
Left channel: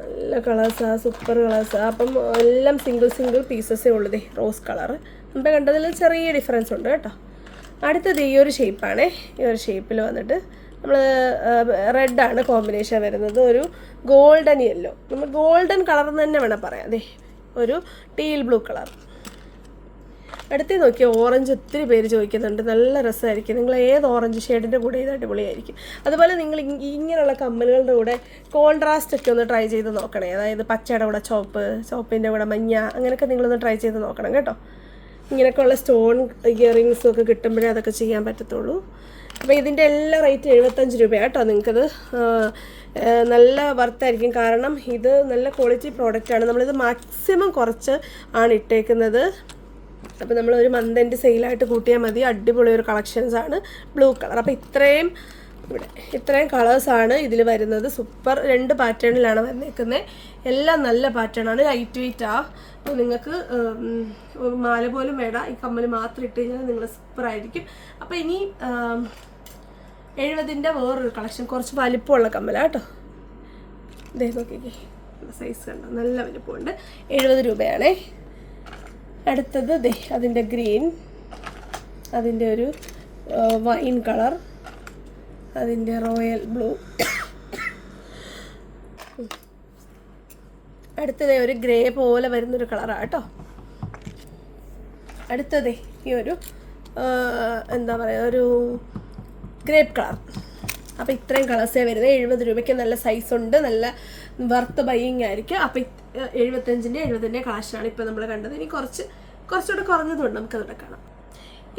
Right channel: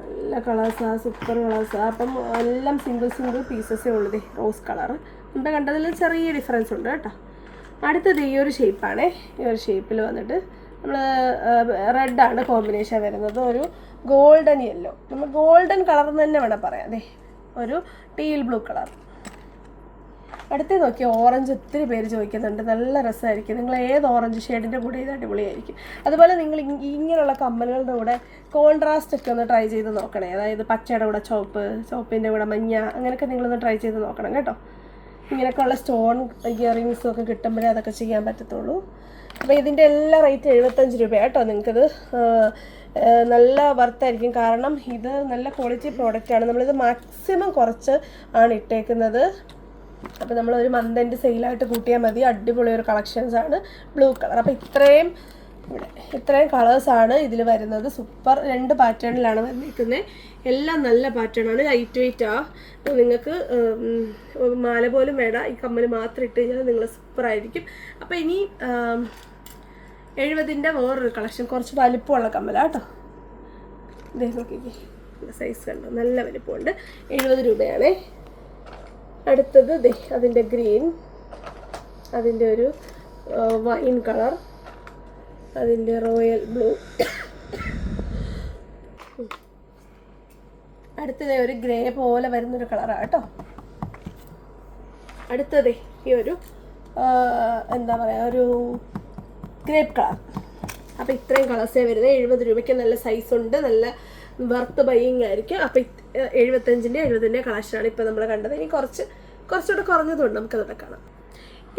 നല്ല കളേഴ്സാണ്, സൂപ്പർ കളേഴ്സാണ്. അപ്പം എല്ലാം സിംഗിൾ പീസസേ ഉള്ളൂ. റോസ് കളറ് മുമ്പേ കണ്ടതിൽ ചെറിയ ഡിഫറൻസ് ഉണ്ട് കേട്ടോ. അടുത്തത് ഈ ഒരു ഷേപ്പാണ്. ഈ ഒരു ഷേപ്പിൽ വന്നിട്ട് നമ്മൾ റെഡാണ് കോമ്പിനേഷൻ വരുന്നത്. ഒരു ഗോൾഡൻ യെല്ലോ, നമ്മൾ ഗോൾഡൻ കളർ തന്നെ വേണം പറയാം. ഒരു ടീൽ ബ്ലൂ കളർ. അടുത്ത് നോക്കിയാൽ ഓറഞ്ച് ഒത്തിരി പേര് ചോദിക്കുന്നുണ്ട്, നല്ല രസമായിരിക്കും. നിങ്ങൾ ഏത് ഓറഞ്ച് ഷെയ്ഡിൻ്റെ കൂടെ ഇത് അടിപൊളിയായിരിക്കും. അതുപോലെ നിങ്ങൾ ഇങ്ങനെയുള്ള കമ്മലുകളുടെ കൂടെ കോൺട്രാസ്റ്റ് ഒക്കെ ഒന്ന് ട്രൈ ചെയ്ത് നോക്കണേ. അതായത് പച്ചയുടെ കൂടെ ചോപ്പിൻ്റെ കൂടെ മഞ്ഞ, അങ്ങനെയൊക്കെ നിങ്ങളൊന്ന് ട്രൈ ചെയ്ത് നോക്കണം കേട്ടോ. ഇങ്ങനെയൊക്കെയുള്ള സ്റ്റോൺ ഇയറിങ്സും ഒക്കെ കിട്ടുമ്പോഴേ അതൊക്കെ ചെയ്യാൻ പറ്റത്തുള്ളൂ. അപ്പോൾ ഇതിൻ്റെ എല്ലാ റേറ്റ് 75 രൂപയാണ് കേട്ടോ. നിങ്ങൾക്കത് നല്ല വർത്തായിരിക്കും, കാരണം ഇത് നല്ല ക്വാളിറ്റി പ്രോഡക്റ്റാണ്. നമ്മളിത് മാക്സിമം കുറച്ച് ആണ് ഇട്ടേക്കുന്നത്. അപ്പോൾ നമ്മളൊരു മന്ത് എൻഡ് സെയിലായിട്ട് കൂട്ടിയാൽ മതി. അടിപൊളി ഒരു കളക്ഷൻസാണ് ബ്ലൂ കളർ. അപ്പോൾ ഇത്രയും കളേഴ്സാണ് ഇതിൽ വരുന്നത്. സൂപ്പർ 2 പാറ്റേണിലാണ് വന്നേക്കുന്നത്. എല്ലാം നല്ല പാറ്റേണാണ്, ലൈറ്റ് വെയ്റ്റാണ്. നിങ്ങൾക്ക് മാല പോലും വേണ്ട, ഈ കമ്മൽ മാത്രം ഇട്ട് കഴിഞ്ഞാൽ നിങ്ങൾ സൂപ്പറായിരിക്കും. അപ്പോൾ ഇനി 70ൻ്റെ വേറൊരു കളക്ഷൻ, കുറച്ച് വലിപ്പമുള്ള കമ്മലാണ് കേട്ടോ. ഇതേ നോക്കിക്കേ, സൈസ് കണ്ടോ, നല്ല വലിപ്പമുണ്ട്. 70 രൂപയാണേ. അടുത്തത് ദേ അതിൻ്റെ ഗ്രീൻ, അതിൻ്റെ ഒരു വൈൻ കളർ, അതിൻ്റെ റോയൽ ബ്ലൂ, അടുത്തതേ ഒരു ഗ്രേ പോലെ വരുന്നൊരു കളറാണ് കേട്ടോ. അടുത്തതേ ഈ ഒരു എന്താ പറയുക, ഒരു ഗ്രേപ്പ് കളർ. അപ്പോൾ ഇത്രയും കളേഴ്സേ വരുന്നത്. 70 രൂപയ്ക്ക് നല്ല സൈസുണ്ട്, നല്ല വർത്ത് ബൈയിങ് ആയിരിക്കും. അപ്പോൾ 70ൻ്റെ കളക്ഷനാണ് ഇപ്പോൾ നമ്മൾ കണ്ടത്. ഇനി കുറച്ചുകൂടെ കുറഞ്ഞതുണ്ട്, നമുക്കതൊക്കെ കാണാം.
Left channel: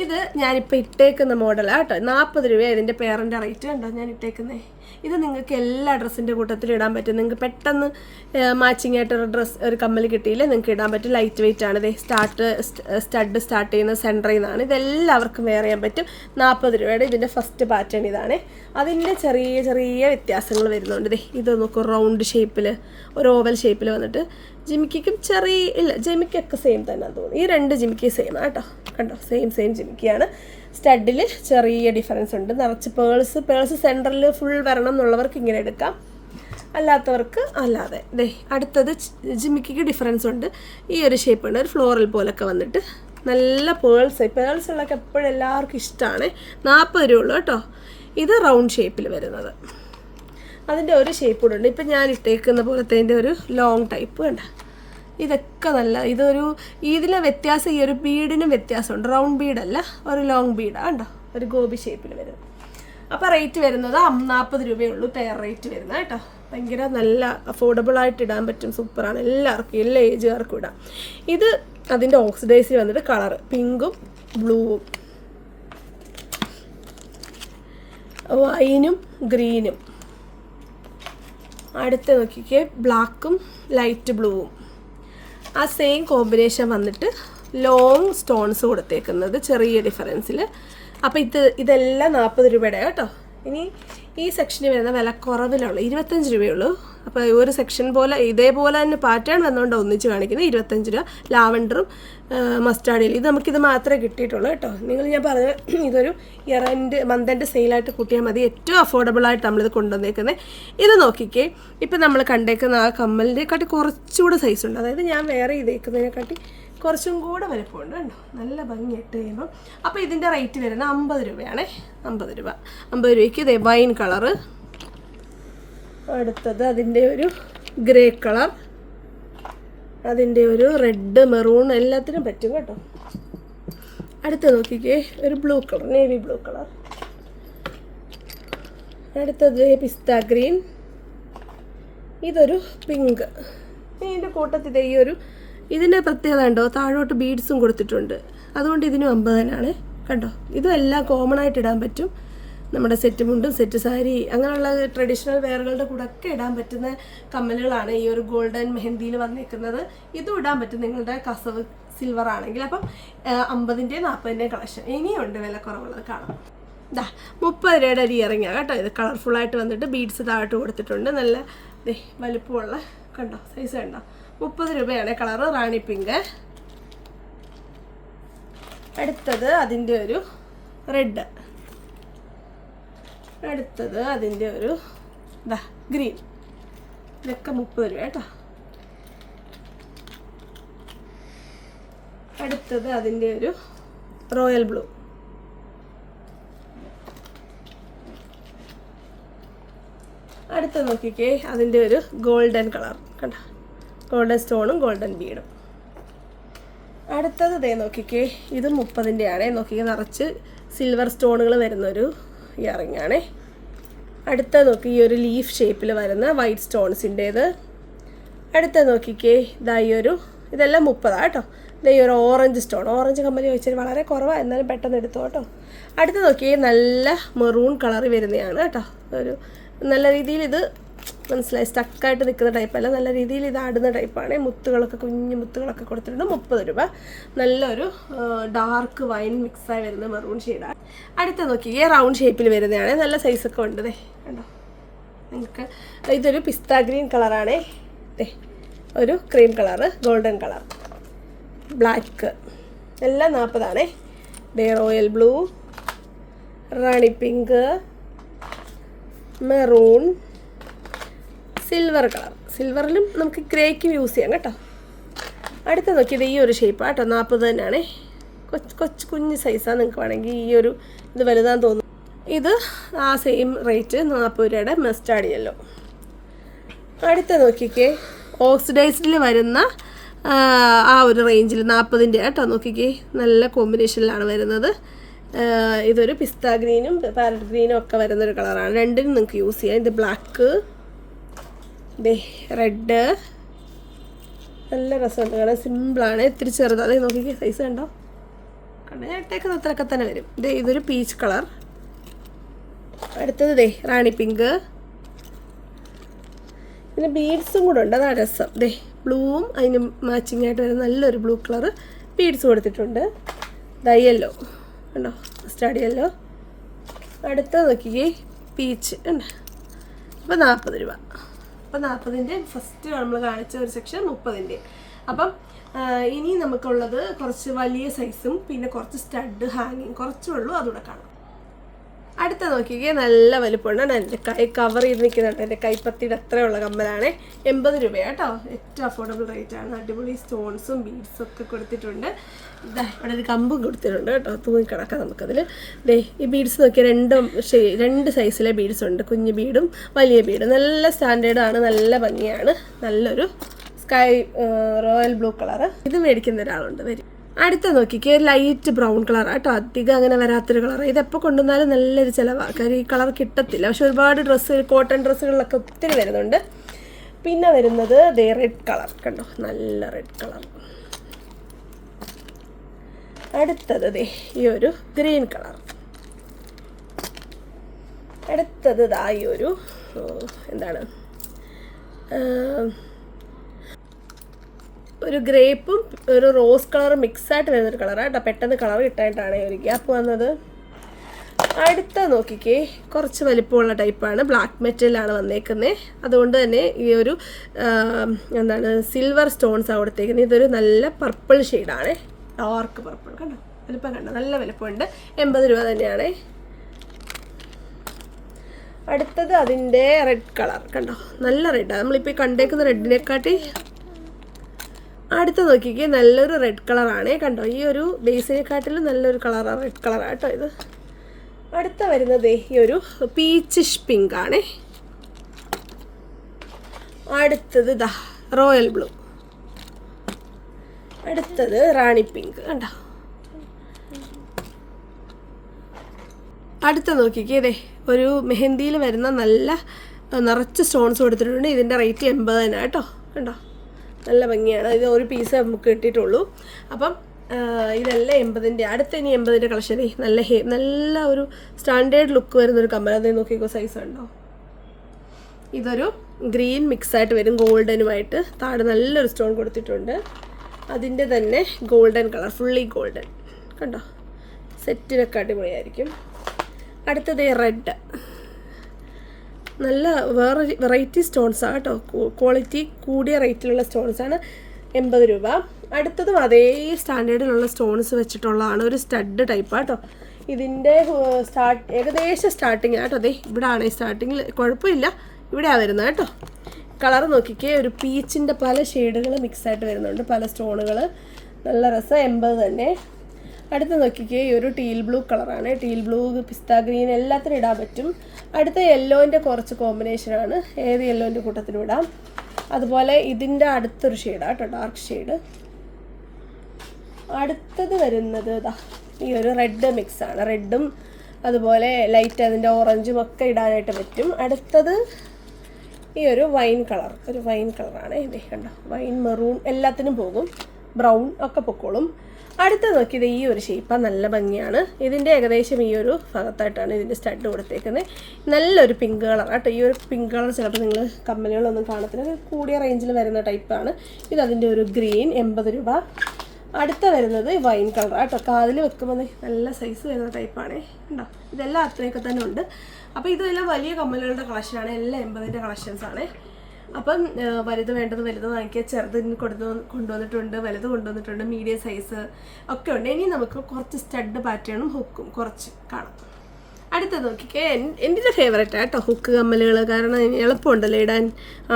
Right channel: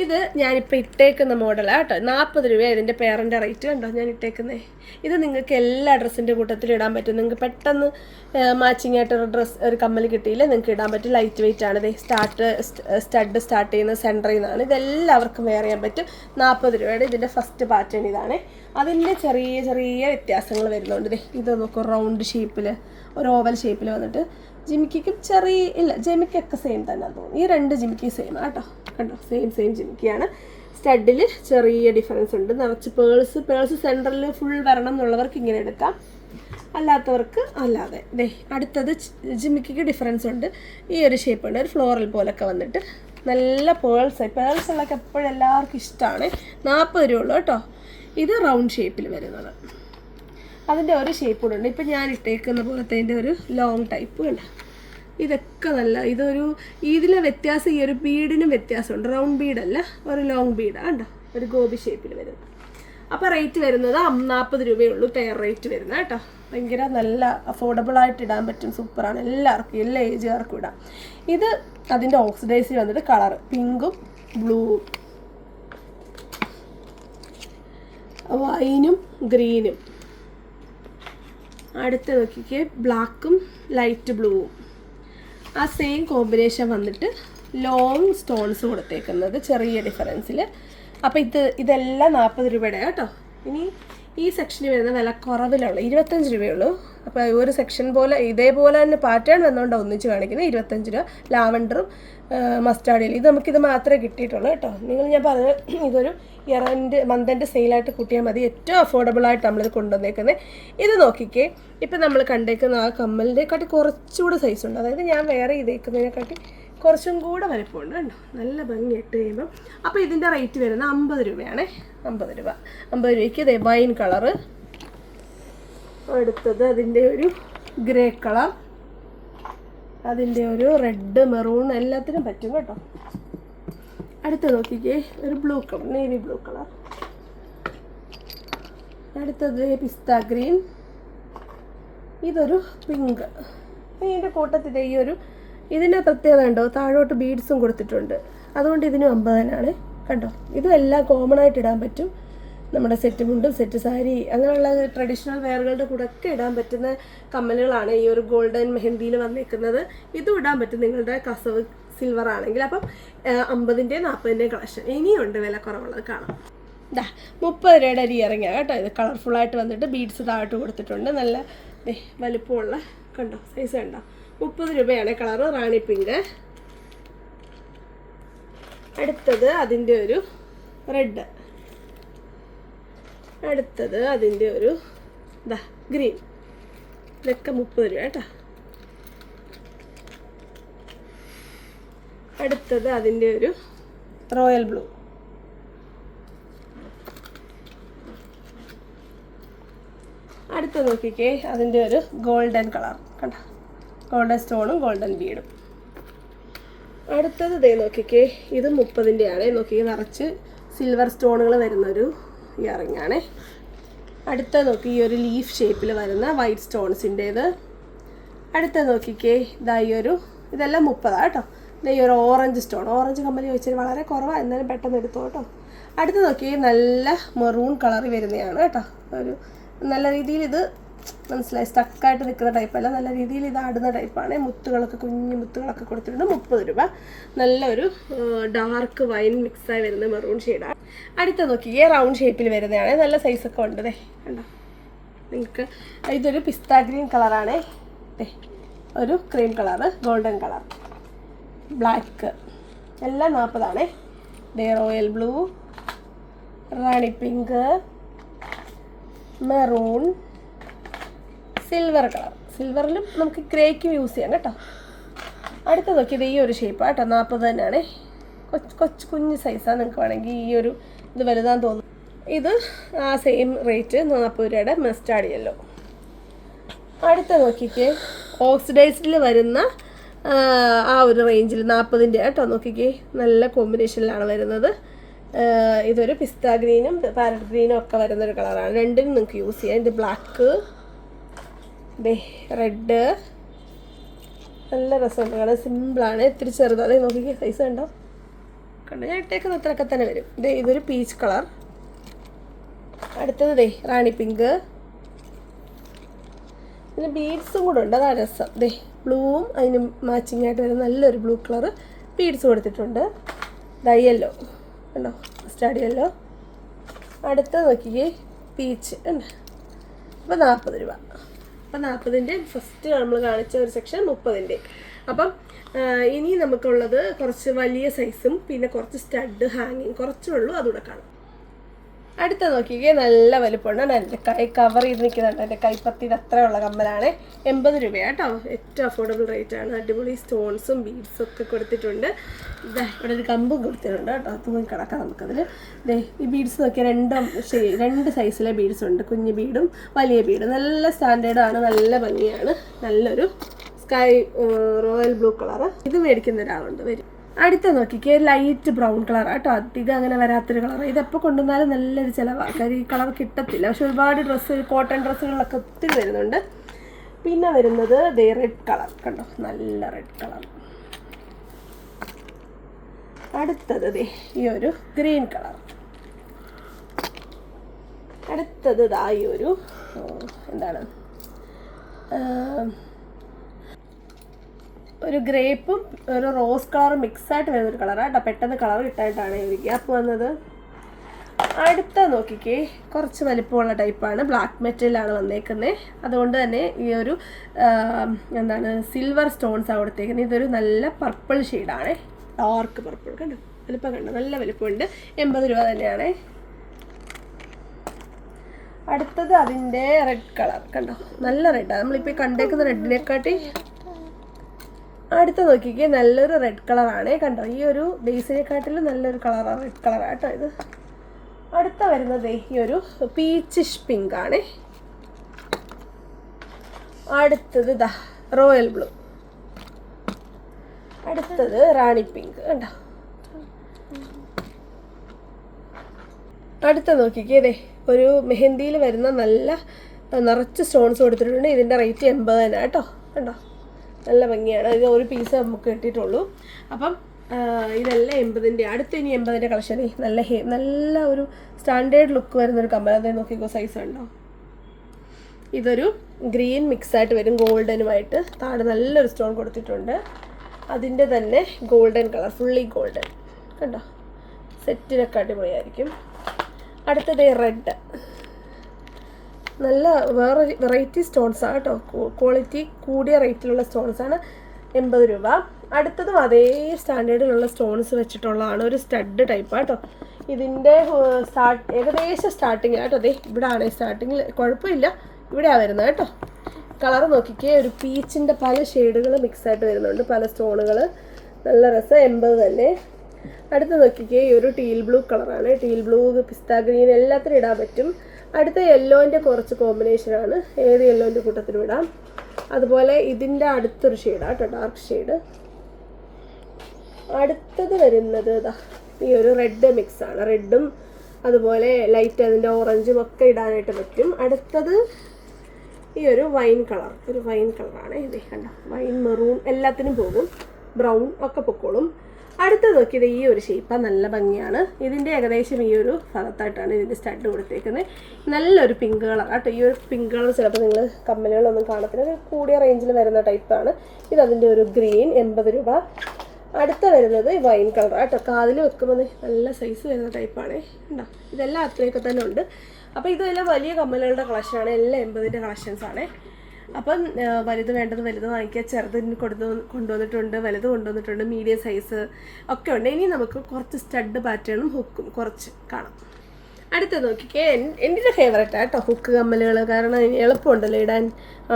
ഇത് ഞാനിപ്പോൾ ഇട്ടേക്കുന്ന മോഡലാണ് കേട്ടോ. 40 രൂപ ഇതിൻ്റെ പേരൻ്റെ റേറ്റ് കണ്ടോ ഞാൻ ഇട്ടേക്കുന്നത്. ഇത് നിങ്ങൾക്ക് എല്ലാ ഡ്രസ്സിൻ്റെ കൂട്ടത്തിലും ഇടാൻ പറ്റും. നിങ്ങൾക്ക് പെട്ടെന്ന് മാച്ചിങ് ആയിട്ടൊരു ഒരു കമ്മൽ കിട്ടിയില്ലേ, നിങ്ങൾക്ക് ഇടാൻ പറ്റും. ലൈറ്റ് വെയിറ്റ് ആണ്. ഇത് സ്റ്റഡ് സ്റ്റാർട്ട് ചെയ്യുന്ന സെൻറ്ററിൽ നിന്നാണ്. ഇതെല്ലാവർക്കും വെയർ ചെയ്യാൻ പറ്റും. 40 രൂപയുടെ ഇതിൻ്റെ ഫസ്റ്റ് പാറ്റേൺ ഇതാണ്. അതിൻ്റെ ചെറിയ ചെറിയ വ്യത്യാസങ്ങൾ വരുന്നുണ്ട്. ഇത് നോക്കൂ, റൗണ്ട് ഷേപ്പിൽ, ഒരു ഓവൽ ഷേപ്പിൽ വന്നിട്ട് ജിമിക്കും ജിമിക്കൊക്കെ സെയിം തന്നെ തോന്നുന്നു. ഈ 2 ജിമിക്കി സെയിം കേട്ടോ, കണ്ടോ, സെയിം ജിമിക്കിയാണ്. സ്റ്റഡിൽ ചെറിയ ഡിഫറൻസ് ഉണ്ട്. നിറച്ച് പേൾസ് സെൻറ്ററിൽ ഫുൾ വരണം എന്നുള്ളവർക്ക് ഇങ്ങനെ എടുക്കാം, അല്ലാത്തവർക്ക് അല്ലാതെ. അടുത്തത് ജിമിക്കിക്ക് ഡിഫറൻസ് ഉണ്ട്. ഈ ഒരു ഷേപ്പ് ഉണ്ട്, ഒരു ഫ്ലോറൽ പോലൊക്കെ വന്നിട്ട് നല്ല പേൾസുള്ളൊക്കെ എപ്പോഴും എല്ലാവർക്കും ഇഷ്ടമാണ്. 40 രൂപ ഉള്ളൂ കേട്ടോ. ഇത് റൗണ്ട് ഷേപ്പിൽ വരുന്നത്. അതിൻ്റെ ഒരു ഷേപ്പ് കൂടെ ഉണ്ട്. ഇപ്പം ഞാൻ ഇട്ടേക്കുന്ന പോലത്തെ ഒരു ലോങ് ടൈപ്പ് കണ്ട. ഇതൊക്കെ നല്ല, ഇതിലെ വ്യത്യാസം, ഈ ഒരു ബീഡിനും വ്യത്യാസമുണ്ട്. റൗണ്ട് ബീഡല്ല, ഒരു ലോങ് ബീഡാണ് കണ്ടോ, ഒരു ഗോപി ഷേപ്പിൽ വരുന്നത്. അപ്പോൾ റേറ്റ് വരുന്നത് 40 രൂപയുള്ളൂ പെയർ റേറ്റ് വരുന്നത് കേട്ടോ. ഭയങ്കര നല്ല അഫോർഡബിളായിട്ട് ഇടാൻ പറ്റും. സൂപ്പറാണ്, എല്ലാവർക്കും, എല്ലാ ഏജുകാർക്കും ഇടാം. ഇത് അതിൻ്റെ ഓക്സിഡൈസിൽ വന്നിട്ട് കളർ പിങ്കും ബ്ലൂവും, വൈനും ഗ്രീനും. അടുത്ത് നോക്കിക്കേ, ബ്ലാക്കും ലൈറ്റ് ബ്ലൂവും. ആ സെയിം കോമ്പിനേഷൻ വന്നിട്ട് ലോങ് സ്റ്റോൺസ് കൊടുത്തേക്കുന്നത് ചെറിയ ഡിഫറൻസിൽ. അപ്പോൾ ഇതെല്ലാം 40 രൂപയുടെ കേട്ടോ. ഇനി ഈ സെക്ഷനിൽ വരുന്ന വില കുറവിലുള്ള 25 രൂപയുള്ളൂ. അപ്പോൾ ഒരു സെക്ഷൻ പോലെ ഇതേപോലെ തന്നെ പാറ്റേൺ വന്നുകൊണ്ട് ഒന്നിച്ച് കാണിക്കുന്നത് 25 രൂപ. ലാവൻഡറും മസ്റ്റാർഡിൽ നമുക്കിത് മാത്രമേ കിട്ടിയിട്ടുള്ളൂ കേട്ടോ. ഞാൻ പറഞ്ഞത് ഇതൊരു മന്ത് എൻഡ് സെയിലായിട്ട് കൂട്ടിയാൽ മതി. ഏറ്റവും അഫോർഡബിളായിട്ട് നമ്മളിത് കൊണ്ടുവന്നേക്കുന്നത്. ഇത് നോക്കിക്കേ, ഇപ്പം നമ്മൾ കണ്ടേക്കുന്ന ആ കമ്മലിനെക്കാട്ടി കുറച്ചുകൂടെ സൈസ് ഉണ്ട്. അതായത് ഞാൻ വേറെ ചെയ്തേക്കുന്നതിനെക്കാട്ടി കുറച്ചും കൂടെ വലുപ്പമുണ്ട് കണ്ടോ, നല്ല ഭംഗി ഇട്ട് കഴിയുമ്പം. അപ്പോൾ ഇതിൻ്റെ റേറ്റ് വരുന്നത് 50 രൂപയാണേ. 50 രൂപ. 50 രൂപയ്ക്ക് ഇതേ വൈൻ കളറ്. അടുത്തത് അതിൻ്റെ ഒരു ഗ്രേ കളർ, അതിൻ്റെ ഒരു റെഡ് മെറൂൺ, എല്ലാത്തിനും പറ്റും കേട്ടോ. അടുത്ത നോക്കിക്കേ, ഒരു blue colour, navy blue colour. അടുത്തത് പിസ്ത ഗ്രീൻ. ഇതൊരു പിങ്ക്. ഇതിൻ്റെ കൂട്ടത്തിൽ ഇതിൻ്റെ പ്രത്യേകത ഉണ്ടോ, താഴോട്ട് ബീഡ്സും കൊടുത്തിട്ടുണ്ട്. അതുകൊണ്ട് ഇതിനും 50 തന്നെയാണ് കണ്ടോ. ഇതും എല്ലാം കോമൺ ആയിട്ട് ഇടാൻ പറ്റും. നമ്മുടെ സെറ്റ് മുണ്ടും സെറ്റ് സാരി അങ്ങനെയുള്ള ട്രഡീഷണൽ വെയറുകളുടെ കൂടെ ഒക്കെ ഇടാൻ പറ്റുന്ന കമ്മലുകളാണ് ഈ ഒരു ഗോൾഡൻ മെഹന്തിയിൽ വന്നിരിക്കുന്നത്. ഇതും ഇടാൻ പറ്റും നിങ്ങളുടെ കസവ് സിൽവർ ആണെങ്കിൽ. അപ്പം 50ൻ്റെയും 40ൻ്റെയും കളക്ഷൻ ഇനിയുണ്ട് വില കുറവുള്ളത് കാണാം. 30 രൂപയുടെ അരി ഇറങ്ങിയ കേട്ടോ. ഇത് കളർഫുള്ളായിട്ട് വന്നിട്ട് ബീഡ്സ് താഴോട്ട് കൊടുത്തിട്ടുണ്ട്. നല്ല വലുപ്പമുള്ള കണ്ടോ, സൈസ് കണ്ടോ. 30 രൂപയാണ് കളറ്, റാണി പിങ്ക്. അടുത്തത് അതിൻ്റെ ഒരു റെഡ്. അടുത്തത് അതിൻ്റെ ഒരു ഗ്രീൻ. ഇതൊക്കെ 30 രൂപ കേട്ടോ. അടുത്തത് അതിൻ്റെ ഒരു റോയൽ ബ്ലൂ. അടുത്ത നോക്കിക്കേ, അതിൻ്റെ ഒരു ഗോൾഡൻ കളർ കണ്ടോ, ഗോൾഡൻ സ്റ്റോണും ഗോൾഡൻ ബീഡും. അടുത്തത് ഇതേ നോക്കിക്കേ, ഇത് 30ൻ്റെ ആണേ. നോക്കിക്കേ, നിറച്ച് സിൽവർ സ്റ്റോണുകൾ വരുന്നൊരു ഇയറിങ്ങാണേ. അടുത്ത നോക്കി ഈ ഒരു ലീഫ് ഷേപ്പിൽ വരുന്ന വൈറ്റ് സ്റ്റോൺസിൻ്റേത്. അടുത്ത നോക്കിക്കേ, ഇതെല്ലാം 30 കേട്ടോ. ഈ ഒരു ഓറഞ്ച് സ്റ്റോൺ, ഓറഞ്ച് കമ്മൽ ചോദിച്ചാൽ വളരെ കുറവാണ്, എന്നാലും പെട്ടെന്ന് എടുത്തു കേട്ടോ. അടുത്ത് നോക്കിയേ, നല്ല മെറൂൺ കളർ വരുന്നതാണ് കേട്ടോ. ഒരു നല്ല രീതിയിൽ ഇത് മനസ്സിലായി, സ്റ്റക്കായിട്ട് നിൽക്കുന്ന ടൈപ്പല്ല, നല്ല രീതിയിൽ ഇത് ആടുന്ന ടൈപ്പാണ്. മുത്തുകളൊക്കെ കുഞ്ഞു മുത്തുകളൊക്കെ കൊടുത്തിട്ടുണ്ട്. 30 രൂപ. നല്ലൊരു ഡാർക്ക് വൈൻ മിക്സായി വരുന്ന മെറൂൺ ഷെയ്ഡാണ്. അടുത്ത നോക്കിയേ റൗണ്ട് ഷേപ്പിൽ വരുന്നതാണ്. നല്ല സൈസൊക്കെ ഉണ്ട്. കണ്ടോ നിങ്ങൾക്ക്. ഇതൊരു പിസ്ത ഗ്രീൻ കളറാണേ. ഒരു cream colour, golden colour, black, എല്ലാം 40 റോയൽ ബ്ലൂ, റാണി പിങ്ക്, മെറൂൺ, സിൽവർ കളർ. സിൽവറിലും നമുക്ക് ഗ്രേക്കും യൂസ് ചെയ്യാം കേട്ടോ. അടുത്ത നോക്കിയത് ഈ ഒരു ഷേപ്പാണ് കേട്ടോ. 40 തന്നെയാണ്. കൊച്ചു കുഞ്ഞ് സൈസാണ്. നിങ്ങൾക്ക് വേണമെങ്കിൽ ഈ ഒരു ഇത് വലുതാന്ന് തോന്നുന്നു. ഇത് ആ സെയിം റേറ്റ് 40 രൂപയുടെ മസ്റ്റാർഡ് യെല്ലോ. അടുത്ത നോക്കിക്കേ ഓക്സിഡൈസ്ഡിൽ വരുന്ന ആ ഒരു റേഞ്ചിൽ 40-ൻ്റെ കേട്ടോ. നോക്കിക്കേ നല്ല കോമ്പിനേഷനിലാണ് വരുന്നത്. ഇതൊരു പിസ്ത ഗ്രീനും പാരറ്റ് ഗ്രീനും ഒക്കെ വരുന്നൊരു കളറാണ്. രണ്ടിനും നിങ്ങൾക്ക് യൂസ് ചെയ്യാം. ഇത് ബ്ലാക്ക്, റെഡ്, നല്ല രസമുണ്ട് കാണാൻ. സിമ്പിളാണ്, ഇത്തിരി ചെറുത്. അതേ നോക്കിക്കേ സൈസ് കണ്ടോ. കണ്ടോ ഞാൻ ഇട്ടേക്കുന്ന അത്രയൊക്കെ തന്നെ വരും. ഇതൊരു പീച്ച് കളർ. അടുത്തത് റാണി പിങ്ക്. പിന്നെ ബീഡ്സും കൂടെ ഉണ്ട്, അതാണ് രസം. ബ്ലൂവും അതിന് മാച്ചിങ് ആയിട്ട് വരുന്ന നല്ലൊരു ബ്ലൂ കളർ ബീഡ്സ് കൊടുത്തിട്ടുണ്ട്. യെല്ലോ ഉണ്ടോ, മസ്റ്റാർഡ് യെല്ലോ. അടുത്ത നോക്കിക്കേ പീച്ച് ഉണ്ട്. അപ്പോൾ 40 രൂപ. അപ്പോൾ 40-ൻ്റെ ഫസ്റ്റ് നമ്മൾ കാണിച്ച ഒരു സെക്ഷൻ 30-ൻ്റെ. അപ്പം ഇനി നമുക്കുള്ളത് കുറച്ച് വലിയ സൈസും പിന്നെ കുറച്ച് സ്റ്റഡ് ഹാങ്ങിങ് കുറച്ചേ ഉള്ളൂ, അതുകൂടെ കാണാം. അടുത്ത നോക്കിക്കേ നല്ല വലുപ്പമുണ്ട്. എൻ്റെ കൈ കവർ ചെയ്ത് നിൽക്കുന്നുണ്ട്. എൻ്റെ കൈപ്പത്തിയുടെ അത്രയുള്ള കമ്മലാണ്. 80 രൂപയാണ് കേട്ടോ. ഏറ്റവും അഫോർഡബിൾ റേറ്റാണ്. അടിപൊളി സ്റ്റോൺസും ബീഡ്സും ഒക്കെ കൊടുത്തിട്ടുണ്ട്. ഇവിടെ ഒരു കമ്പും കൊടുത്തിട്ടുണ്ട് കേട്ടോ. തൂങ്ങി കിടക്കാം നമുക്കതിൽ. ഈ ബീഡ്സ് നോക്കിയാൽ രണ്ട് സൈസിലെ ബീഡ്സ് ഉണ്ട്. കുഞ്ഞു ബീഡും വലിയ ബീഡും. നല്ല സ്റ്റാൻഡേർഡാണ്, നല്ല ഭംഗിയാണ്. നല്ലൊരു സ്കൈ റോയൽ ബ്ലൂ കളറ്. ഇത് മേടിക്കുന്ന ഒരാളുണ്ട്, വരും. അടുത്ത നോക്കിക്കേ ലൈറ്റ് ബ്രൗൺ കളർ കേട്ടോ. അധികം അങ്ങനെ വരാത്തൊരു കളർ. ഇതെപ്പോൾ കൊണ്ടുവന്നാലും നല്ലൊരു ചിലവാണ്. കാര്യം ഈ കളർ കിട്ടത്തില്ല. പക്ഷെ ഒരുപാട് ഡ്രസ്സ്, കോട്ടൺ ഡ്രസ്സുകളിലൊക്കെ ഒത്തിരി വരുന്നുണ്ട്. പിന്നെ വരുന്നത് റെഡ് കളർ കണ്ടോ, നല്ല റെഡ് കളർ. അടുത്തത് ഈ ഒരു ഗ്രീൻ കളർ. അടുത്തത് ഈ ഒരു എന്താണ് ഒരു ഗ്രേപ്പും ഒരു റോസ് കളറും മിക്സായിട്ട് വരുന്നൊരു കളറാണ് കേട്ടോ. പെട്ടെന്ന് കളർ കിട്ടാനായിട്ടാണ് ഒരു ഗ്യാപ്പ് വന്നത്. അടുത്ത നോക്കിക്കേ കുറച്ച് വലിപ്പമുള്ള ടൈപ്പാണ്. ബ്ലാക്ക് മെറ്റലാണ് വന്നേക്കുന്നത്. അതുകൊണ്ട് തന്നെ ഈ ഒരു എന്താണ് സിൽവർ സ്റ്റോൺസാണ് കൊടുത്തേക്കുന്നത്. ഇതൊരു നല്ല പർപ്പിൾ ഷെയ്ഡാണ്, ഡാർക്ക് പർപ്പിൾ. കണ്ടോ വലിപ്പം കണ്ടോ, നല്ല വലിപ്പമുണ്ട്. 80 രൂപ തന്നെയാണ്. അടുത്തത് അതിൻ്റെ റെഡ് കളർ കണ്ടോ, നല്ല റെഡാണ്. നമ്മളിപ്പോൾ കണ്ടേക്കുന്ന റെഡിനെക്കാട്ടി അടുത്ത നോക്കിക്കേ നല്ലൊരു റെഡ് കളറാണ് കണ്ടോ. ഈ ഒരു ബേസിനെക്കാട്ടിലും നല്ലൊരു കളറാണ്, റെഡ് കളറാണ് കേട്ടോ ഇത്. അടുത്ത വരുന്നത് ഈ ഒരു പീച്ചിഷ് പിങ്ക് ആണ്. അടുത്തത് റോയൽ ബ്ലൂ. അടുത്തത് റാണി പിങ്ക് കണ്ടോ. അടുത്ത നോക്കിക്കേ ഒരു മെഹന്തിയിൽ വരുന്ന നല്ല നിറച്ച് സ്റ്റോൺസ് കൊടുത്തിട്ടുണ്ട്. ഇതിൻ്റെ റേറ്റ് 80 തന്നെ കേട്ടോ. കണ്ടോ നല്ല ഭംഗിയാണ്. ഇത് ഒരു പീസ് നമുക്ക് കിട്ടിയിട്ടുള്ളൂ. അപ്പം ഇതെല്ലാം 80-ൻ്റെ. അടുത്ത ഇനി 80-ൻ്റെ കളക്ഷൻ. നല്ല ഒരു സ്റ്റാൻഡേർഡ് ലുക്ക് വരുന്നൊരു കമ്മൽ. അതേ നോക്കിക്കോ, സൈസ് ഉണ്ടോ. ഇതൊരു ഗ്രീൻ മിക്സായിട്ട് വരും ഗോൾഡനുമായിട്ട്. താഴെ നല്ലൊരു സ്റ്റോൺ കൊടുത്തിട്ടുണ്ട്. അതിൻ്റെ തന്നെ ഗോൾഡൻ കളർ, ഫുള്ളി ഗോൾഡൻ കണ്ടോ. സെറ്റിനൊക്കെ അടിപൊളിയായിരിക്കും. അടുത്തത് റെഡ്. നല്ല വേറെ വെറൈറ്റി സ്റ്റോൺസാണ് കേട്ടോ. ക്വാളിറ്റി കൂടിയ റേറ്റിലുള്ള സ്റ്റോൺസാണ്. 80 രൂപ. അടുത്തതും അതേ സ്റ്റാൻഡേർഡിലുള്ള സ്റ്റോൺസ് വെച്ചിട്ടുള്ളതാണ്. ഒരു സ്റ്റഡ് ടൈപ്പാണ് കേട്ടോ. ഇതിൻ്റെ ഏകദേശം സ്റ്റാർട്ടിങ് കേട്ടോ. ഇവിടെ ആണ് സ്റ്റാർട്ടിങ്ങിൽ, കുഴപ്പമില്ല, ഇവിടെയാണ് വരുന്നത് കേട്ടോ. കളർ നോക്കിക്കേ, ഒരു പീച്ചിൻ്റെ പല ഷെയ്ഡുകൾ മിക്സായിട്ട് വരുന്നുണ്ട്, പല സ്റ്റോണുകൾ. നല്ല രസം. 80 തന്നെ. അടുത്ത് നോക്കിക്കേ ഈ ഒരു ടീൽ ബ്ലൂ കളറാണ്. ടീൽ ബ്ലൂ, പിസ്ത ഗ്രീൻ എല്ലാത്തിനും ഇടാൻ പറ്റും. അടുത്ത യെല്ലോൻ്റെ കുറച്ച് കോമ്പിനേഷനാണ്. ഏത് യെല്ലോൻ്റെ കൂട്ടത്തിനും ഇടാം. അതുപോലെ ഇതിൻ്റെ അടുത്തൊരു ഷെയ്ഡാണ് കേട്ടോ, ഡാർക്ക് ഷെയ്ഡ്. അടുത്തത് വരുന്നത് ഈ ഒരു റെഡ് മിക്സാണ്. റെഡും അതുപോലെ ലൈറ്റ് അതിൻ്റെ ഓറഞ്ചും ഒക്കെ ഇടാനായിട്ട് പറ്റും. അടുത്തത് ഈ ഒരു വൈൻ കളർ. വൈൻ കളറാണ് ഇത് കണ്ടോ. വൈൻ, മെറൂൺ എല്ലാത്തിനും പോകും. ബ്രൗൺ ഒക്കെ പൊക്കോളും. അടുത്ത നോക്കിയത് ഈ ഒരു ഷേപ്പാണ്, നല്ല ഭംഗിയാണ്. ഇതിൻ്റെ ഏകദേശം ഈ ഒരു ഭാഗത്തായിട്ടാണ് ഇതിൻ്റെ സ്റ്റഡ് കൊടുത്തേക്കുന്നത്. നല്ലൊരു പിങ്ക് കളർ കേട്ടോ. ഈ ഒരു പിങ്ക് കളർ ചിലപ്പോൾ നിങ്ങൾ കമ്മലുകളൊന്നും കാണത്തില്ല, കൂടിയ റേഞ്ചിൽ വരുന്ന ടൈപ്പാണ്. ഇതതിൻ്റെ ഒരു ഗ്രീൻ 80 രൂപ. അടുത്ത വരുന്നത് വൈൻ കളർ കേട്ടോ. കാതിൽ വെക്കുമ്പോൾ നല്ല സൈസ് വരുന്ന ടൈപ്പാണ്. ഉണ്ടോ, ഇതെല്ലാം അത്രയൊക്കെ തന്നെ ഉണ്ട്. അപ്പോൾ ഇതെല്ലാം വലിയ കമ്മലുകളുടെ കളക്ഷനാണ്, എല്ലാം 80ൻ്റെ കളക്ഷൻസാണ്. അപ്പം വലുത് വേണ്ടത് വലുത് വാങ്ങിക്കുക, ചെറുതിന് കൊണ്ടുവന്നിട്ടുണ്ട്, വലുത് കൊണ്ടുവന്നിട്ടുണ്ട്, മീഡിയം സൈസ് ഒക്കെ ഉണ്ട്. ഇനി നമുക്ക് കുറച്ച് സ്റ്റഡ് പാറ്റേണും ഹുക്കും കുറച്ച് കാണാം. അടുത്ത നോക്കിക്കേ, എൻ്റെ ഫേവറേറ്റ് ആട്ടോ ഹുക്ക് കമ്മലുകൾ. കാരണം എളുപ്പമുണ്ടല്ലോ ഇടാൻ,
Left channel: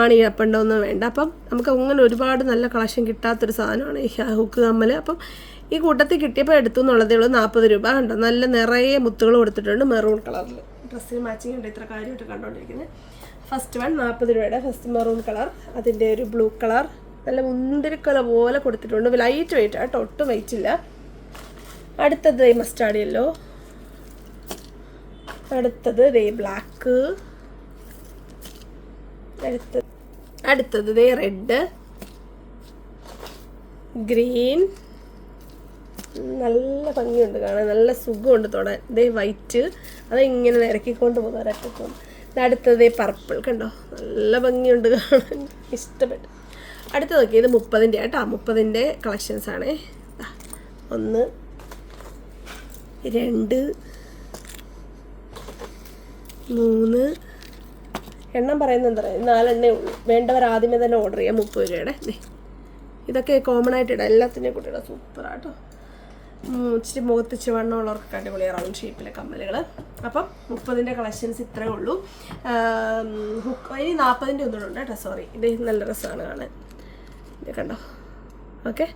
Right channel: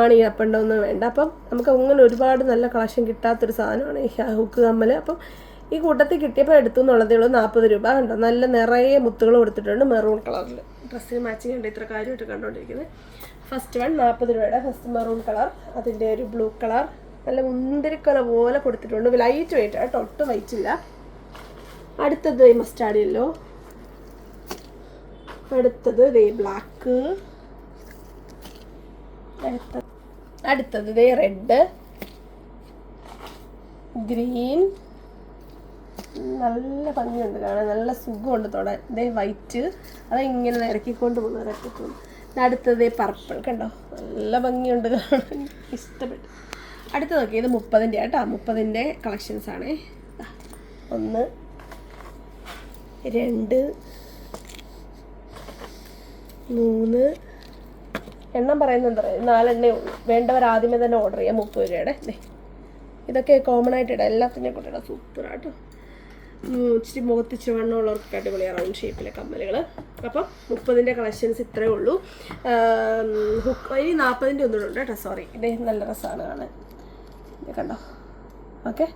ആണ് ഈ അപ്പുണ്ടോന്നും വേണ്ട. അപ്പം നമുക്ക് അങ്ങനെ ഒരുപാട് നല്ല കളക്ഷൻ കിട്ടാത്തൊരു സാധനമാണ് ഈ ഹുക്ക് കമ്മൽ. അപ്പം ഈ കൂട്ടത്തിൽ കിട്ടിയപ്പോൾ എടുത്തു എന്നുള്ളതേ ഉള്ളൂ. 40 രൂപ ഉണ്ടോ. നല്ല നിറയെ മുത്തുകൾ കൊടുത്തിട്ടുണ്ട്, മെറൂൺ കളറിൽ. ഡ്രസ്സിന് മാച്ചിങ് ഉണ്ട്, ഇത്ര കാര്യമായിട്ട് കണ്ടുകൊണ്ടിരിക്കുന്നത്. ഫസ്റ്റ് വൺ 40 രൂപയുടെ ഫസ്റ്റ് മെറൂൺ കളർ. അതിൻ്റെ ഒരു ബ്ലൂ കളർ നല്ല മുന്തിരിക്കൊല പോലെ കൊടുത്തിട്ടുണ്ട്. ലൈറ്റ് വെയിറ്റ് ആട്ടോ, ഒട്ടും വെയിറ്റില്ല. അടുത്തത് മസ്റ്റാർഡ് യെല്ലോ. അടുത്തത് ബ്ലാക്ക്. അടുത്തത് റെഡ്, ഗ്രീൻ. നല്ല ഭംഗിയുണ്ട് കാണാൻ, നല്ല സുഖമുണ്ട് തൊടാൻ. വൈറ്റ്, അതിങ്ങനെ നിരക്കിക്കൊണ്ട് പോകുന്നവരൊക്കെ. അടുത്തത് പർപ്പിൾ, കണ്ടോ, നല്ല ഭംഗിയുണ്ട് കാണാൻ, ഇഷ്ടപ്പെട്ടു. അടുത്ത നോക്കി, ഇത് 30ൻ്റെ കേട്ടോ. 30ൻ്റെ കളക്ഷൻസാണേ. 1 2 3 എണ്ണം പറയുന്നത് എന്താ പറയുക, 4 എണ്ണേ ഉള്ളൂ. വേണ്ടവർ ആദ്യമേ തന്നെ ഓർഡർ ചെയ്യാം. 30 രൂപയുടെ. ഇതൊക്കെ കോമൺ ആയിട്ട് ഇടാം, എല്ലാത്തിൻ്റെയും കൂടെ ഇടാം. സൂപ്പറാട്ടോ. ഇച്ചിരി മുഖത്ത് ചുവണ്ണുള്ളവർക്ക് അടിപൊളിയാണ് റൗണ്ട് ഷേപ്പിലെ കമ്മലുകൾ. അപ്പം 30ൻ്റെ കളക്ഷൻസ് ഇത്രയേ ഉള്ളൂ. ഇനി 40ൻ്റെ ഒന്നും ഉണ്ട് കേട്ടോ. സോറി, ഇത് നല്ല രസമാണ് കാണാൻ, ഇത് കണ്ടോ. ഓക്കെ,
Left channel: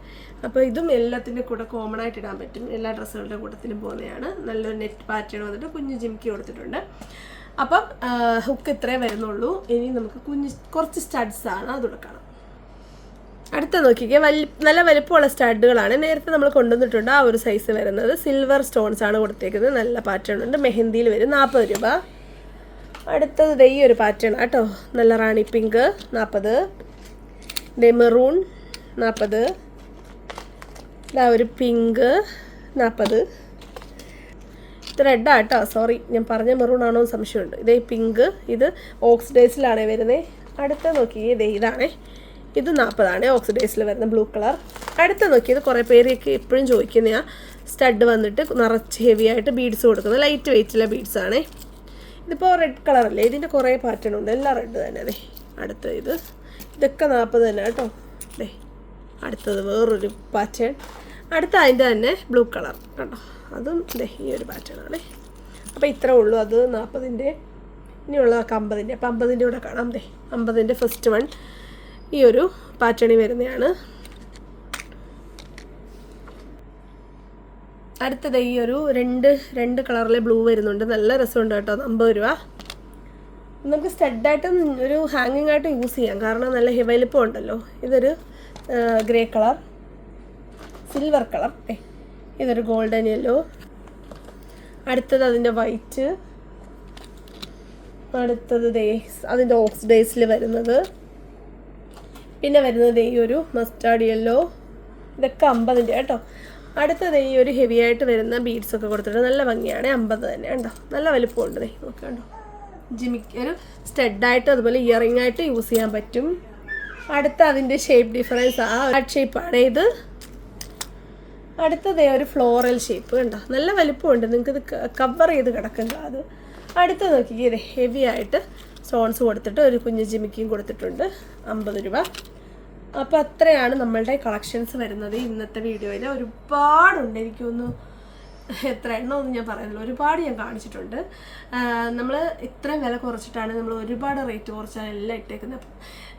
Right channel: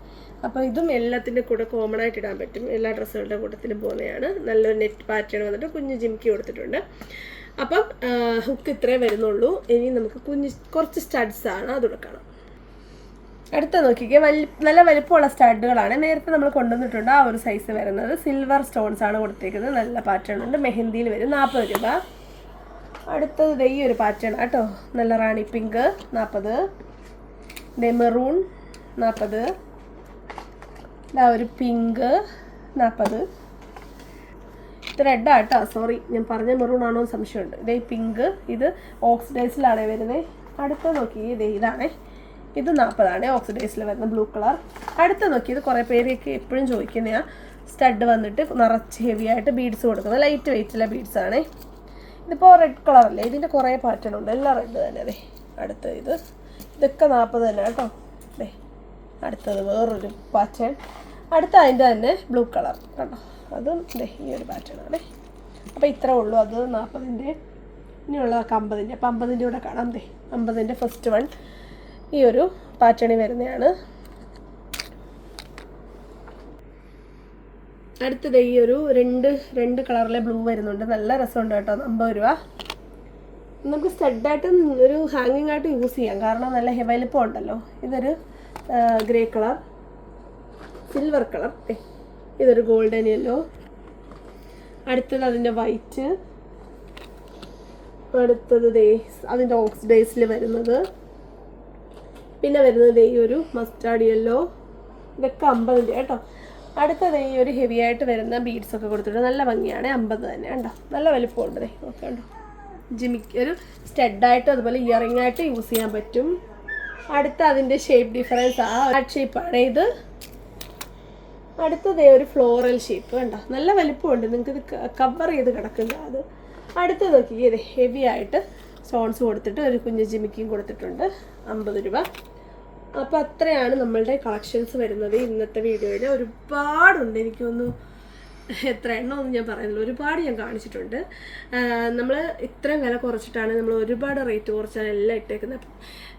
അപ്പോൾ ഇതും എല്ലാത്തിൻ്റെ കൂടെ കോമൺ ആയിട്ട് ഇടാൻ പറ്റും. എല്ലാ ഡ്രസ്സുകളുടെ കൂട്ടത്തിലും പോകുന്നതാണ്. നല്ലൊരു നെറ്റ് പാറ്റേൺ വന്നിട്ട് കുഞ്ഞ് ജിംക്കി കൊടുത്തിട്ടുണ്ട്. അപ്പം ഹുക്ക് ഇത്രേ വരുന്നുള്ളൂ. ഇനി നമുക്ക് കുറച്ച് സ്റ്റഡ്സാണ്, അതുകൂടെ കാണാം. അടുത്ത നോക്കിക്കേ, നല്ല വലിപ്പമുള്ള സ്റ്റഡുകളാണ്. നേരത്തെ നമ്മൾ കൊണ്ടുവന്നിട്ടുണ്ട് ആ ഒരു സൈസ് വരുന്നത്. സിൽവർ സ്റ്റോൺസ് ആണ് കൊടുത്തേക്കുന്നത്. നല്ല പാറ്റേൺ ഉണ്ട്, മെഹന്തിയിൽ വരും. 40 രൂപ. അടുത്തത് ഈ ഒരു പാറ്റേൺ ആട്ടോ, നല്ല റാണി പിങ്ക് 40. മെറൂൺ 40. ഇതാ ഒരു പിങ്ക് 40. ഇത് റെഡാട്ടോ, സോറി ഞാൻ പറഞ്ഞ മെറൂൺ ആണോ എന്ന് സംശയമുണ്ട്. ഇതേ പിങ്ക്, ഇത് ഓക്സിഡൈസിലാണ് വരുന്നത്. അടുത്ത നോക്കി, ഇതാണേ, ഇത് 40 ഓക്സിഡൈസിൽ വരുന്ന ബ്ലൂ കളർ. അടുത്ത നോക്കിയത് കുറേ പേരൊക്കെ എപ്പോഴും ചോദിക്കുന്ന സ്റ്റഡ് വന്നിട്ട് നിറച്ച് ഹെവി ആയിട്ട് ബീഡ്സ് കൊടുക്കുന്നത്, ലൈറ്റ് വെയിറ്റിലെ ബീഡ്സ് ആണ്. ഇതിപ്പോൾ റെഡ് കളറല്ലേ, ഇതിൻ്റെ കുറേ പാറ്റേൺ ഉണ്ട്, എല്ലാം റെഡ് തന്നെ. അടുത്ത ഇതൊക്കെ 40 തന്നെ കേട്ടോ. അടുത്തത് വേറൊരു പാറ്റേൺ. അടുത്ത അതിൻ്റെ തന്നെ ബ്ലൂ കളർ കണ്ടോ, അതും ഈ ഒരു പാറ്റേൺ ആണ്. അപ്പോൾ ഇത്രേ ഉള്ളൂ. അത് 40ൻ്റെ. ഇനിയുള്ള 50ൻ്റെ. അപ്പം 50ൻ്റെ കൂടെ കാണാം. 50ൻ്റെ ഫസ്റ്റ് വൺ ഈ ഒരു പാറ്റേണിൽ വരുന്നതാണ്. അടുത്തത് ഈ ഒരു രണ്ട് കളറിലെ ബ്ലൂ വരുന്നുണ്ട്, നല്ല രസമുണ്ട് കേട്ടോ. 50 രൂപ. നമുക്ക് സ്റ്റഡായിട്ടും ഒരു ഹാങ്ങിങ് ആയിട്ടും യൂസ് ചെയ്യാം, കാരണം നല്ല വലിപ്പം ഉണ്ടല്ലോ. ഇതൊരു ഗ്രേ കളർ, സിൽവർ കളർ. ഇതൊരു ഗോൾഡൻ യെല്ലോ. അടുത്തത് അതിൻ്റെ വൈറ്റ്. അടുത്തത് അതിൻ്റെ ഓക്സിഡൈസിൽ വരുന്നത്. പിന്നെ വരുന്നത് ഈ ഒരു മസ്റ്റാർഡ് യെല്ലോ. ഇതൊക്കെ 50ൻ്റെ കേട്ടോ. അടുത്തത് ഈ ഒരു ഹെവി ആയിട്ട് വരുന്ന ബീഡ്സൊക്കെ കൊടുത്തിട്ട് നല്ല ഭംഗിയാണ്. 50 തന്നെ കേട്ടോ. നല്ല വലുപ്പമുണ്ട്. നോക്കി കണ്ടോ, ജിമിക്ക് ഒരു സ്റ്റഡായിട്ട് അതുപോലെ ഇയറിംഗ് ആയിട്ട് യൂസ് ചെയ്യാൻ പറ്റും. അടുത്ത അതിൻ്റെ ഷേപ്പ് ഡിഫറൻസ് ഹാർട്ട് ഷേപ്പാണ് ഇത്. അടുത്തത് ഒരു ഫ്ലോറൽ ഷേപ്പ് കണ്ടോ, നല്ല വലുപ്പമുണ്ട്. നിങ്ങൾക്കിത് കവർ ചെയ്ത് കിടക്കുക. അത് അടുത്ത് നോക്കി, ഹെവി ആയിട്ട് സ്റ്റോൺസ് കൊടുത്തിട്ട് ഒരു കുഞ്ഞ് ജിമിക്കിയും കൊടുത്തിട്ടുണ്ട്. 50 രൂപ. അപ്പോൾ അത്രയാണ് നമ്മളുടെ കളക്ഷൻസ് വരുന്നത് ഇന്നത്തെ വീഡിയോയിൽ. ഒരുപാടുണ്ട്, എനിക്കൊന്ന് എത്ര എണ്ണമൊന്നും ഞാൻ പറയുന്നില്ല, ഒരുപാട് ഞാൻ കാണിച്ചിട്ടുണ്ട്. നമ്മൾ ഇത്രയും വില കുറച്ചിട്ടാണ്, നമ്മൾ ഒരുപാട് റേറ്റ് കുറച്ചാണ് എല്ലാം ഇട്ടേക്കുന്നത്.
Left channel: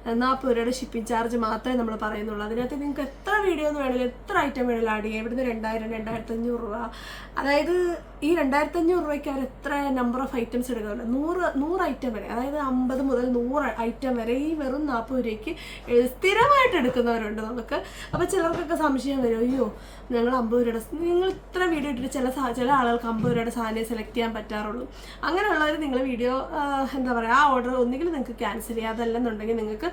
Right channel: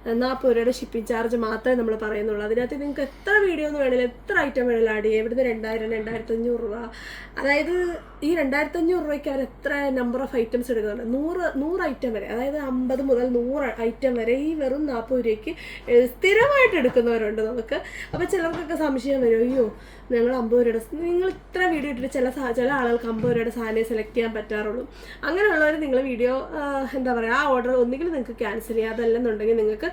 40 രൂപയുടെ ഷിപ്പിംഗ് ചാർജ് മാത്രമേ നമ്മൾ പറയുന്നുള്ളൂ. അതിനകത്ത് നിങ്ങൾക്ക് എത്ര വീഡിയോ എന്ന് വേണമെങ്കിലും എത്ര ഐറ്റം വേണമെങ്കിലും ആഡ് ചെയ്യാം. ഇവിടുന്ന് 2000, 2500 രൂപ. അതായത് ഈ 2500 രൂപയ്ക്ക് അവർ എത്ര നമ്പർ ഓഫ് ഐറ്റംസ് എടുക്കുന്നുണ്ട്, 100 ഐറ്റം വരെ. അതായത് 50 മുതൽ 100 ഐറ്റം വരെ ഈ വെറും 40 രൂപയ്ക്ക് സ്ഥിരമായിട്ട് എടുക്കുന്നവരുണ്ട് നമുക്ക്. അപ്പോൾ ചിലർക്കൊക്കെ സംശയം വരും, അയ്യോ ഞങ്ങൾ 50 രൂപയുടെ, നിങ്ങൾ ഇത്ര വീഡിയോ ഇട്ടിട്ട് ചില ആളുകൾക്ക് 50 രൂപയുടെ സാധനം സെലക്ട് ചെയ്യാൻ പറ്റാറുള്ളൂ. അങ്ങനെയുള്ളവർ നിങ്ങൾ വീഡിയോ എന്താ പറയുക, ആ ഓർഡർ ഒന്നുകിൽ നിങ്ങൾക്ക് ക്യാൻസൽ ചെയ്യാം, അതല്ലെന്നുണ്ടെങ്കിൽ നിങ്ങൾക്ക്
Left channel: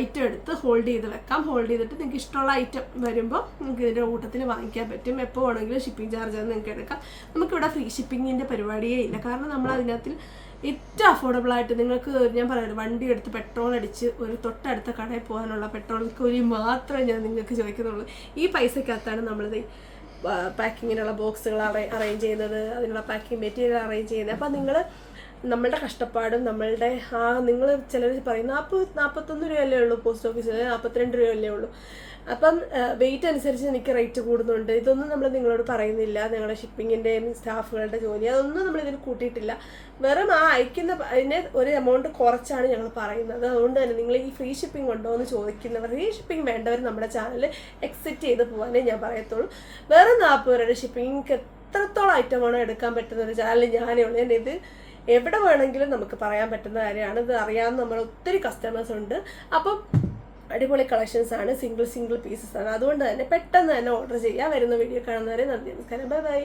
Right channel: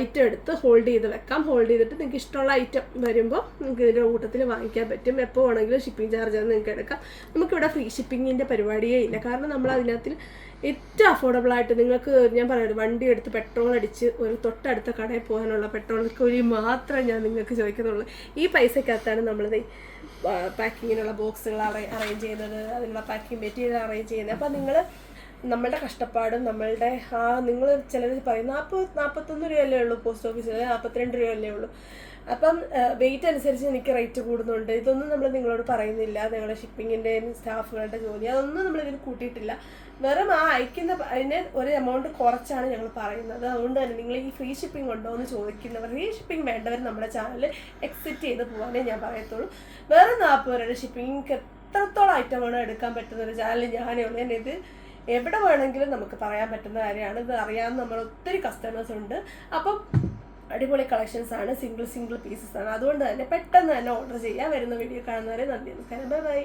ഐറ്റം എടുത്ത് ഹോൾഡ് ചെയ്ത് വെക്കാം. ഹോൾഡ് ചെയ്തിട്ട് നിങ്ങൾക്ക് ഇഷ്ടമുള്ള ഐറ്റം വരുമ്പോൾ നിങ്ങൾക്ക് ഇതിൻ്റെ കൂട്ടത്തിൽ വാങ്ങിക്കാൻ പറ്റും. എപ്പോൾ വേണമെങ്കിലും ഷിപ്പിംഗ് ചാർജ് നിങ്ങൾക്ക് എടുക്കാം. നമുക്കിവിടെ ഫ്രീ ഷിപ്പിങ്ങിൻ്റെ പരിപാടിയേ ഇല്ല. കാരണം നമ്മൾ അതിനകത്ത് ഏറ്റവും അഫോർഡബിളായിട്ട് നിങ്ങൾക്ക് ഞാൻ പറയുന്നത് വണ്ടി എടുത്ത് പെട്രോൾ അടിച്ച് ഒരു തൊട്ടടുത്ത കടയിൽ പോകാനുള്ള പെട്രോൾ കൂലി മാത്രമേ ഞാൻ നിങ്ങൾക്ക് ചോദിക്കുന്നുള്ളൂ. ഈ പൈസക്കകത്താണ് നമ്മളിത് പാക്കിങ്ങിനുള്ള ബോക്സുകൾ അറേഞ്ച് ചെയ്യുന്നത്, അതിനുള്ള പാക്കിംഗ് മെറ്റീരിയൽ അറേഞ്ച് ചെയ്യുന്നത്. അപ്പം നിങ്ങൾ നമ്മളുടെ കഷ്ടപ്പാടും നമ്മളുടെ നിങ്ങൾ ചിലർ പറയും 41 രൂപയല്ലേ ഉള്ളൂ പോസ്റ്റ് ഓഫീസിൽ, 42 രൂപയല്ലേ ഉള്ളൂ. അപ്പം വെയിറ്റ് അനുസരിച്ച് എനിക്ക് റേറ്റ് കൂടുന്നുണ്ട്. ഇതൊന്നും നമ്മൾ നിങ്ങളോട് പറയുന്നില്ല. നിങ്ങളുടെ ഷിപ്പിങ്ങിൻ്റെയും സ്റ്റാഫുകളുടെ ജോലി അതൊന്നും നമ്മളിതിൽ കൂട്ടിയിട്ടില്ല. വെറും അയക്കുന്ന അതിനെ ഒരു എമൗണ്ട് കുറച്ചാണ് ഞങ്ങൾ പറയുന്നത്. അതുകൊണ്ട് തന്നെ നിങ്ങൾ ഈ ഫ്രീ ഷിപ്പിംഗ് ഉണ്ടോ എന്ന് ചോദിക്കുന്നവർ, ഫ്രീ ഷിപ്പിംഗ് വേണ്ടവർ നമ്മുടെ ചാനൽ എക്സിറ്റ് ചെയ്ത് പോകാനേ ഞാൻ പറയത്തുള്ളൂ. വേറെ 40 രൂപയുടെ ഷിപ്പിംഗ് എത്രത്തോളം ഐറ്റമാണ് എടുക്കാൻ പറ്റുന്ന ഒരു ചാനൽ ഞാനേ ഉള്ളൂ. ഇത് എവിടെ വേണമെങ്കിലും നമുക്ക് പറയാൻ പറ്റുന്ന കാര്യമാണ്. ഇത് അറിയാവുന്ന നമ്മൾ ഒത്തിരി കസ്റ്റമേഴ്സ് ഉണ്ട്. അപ്പം അടിപൊളി കളക്ഷൻസ് ആണ്, സിംഗിൾ പീസസ് ആണ്. അതുകൊണ്ട് തന്നെ പെട്ടെന്ന് തന്നെ ഓർഡർ ചെയ്യുക. വരുന്ന വീഡിയോ കാണുന്നവരെ നന്ദി, നമസ്കാരം, ബൈ ബൈ.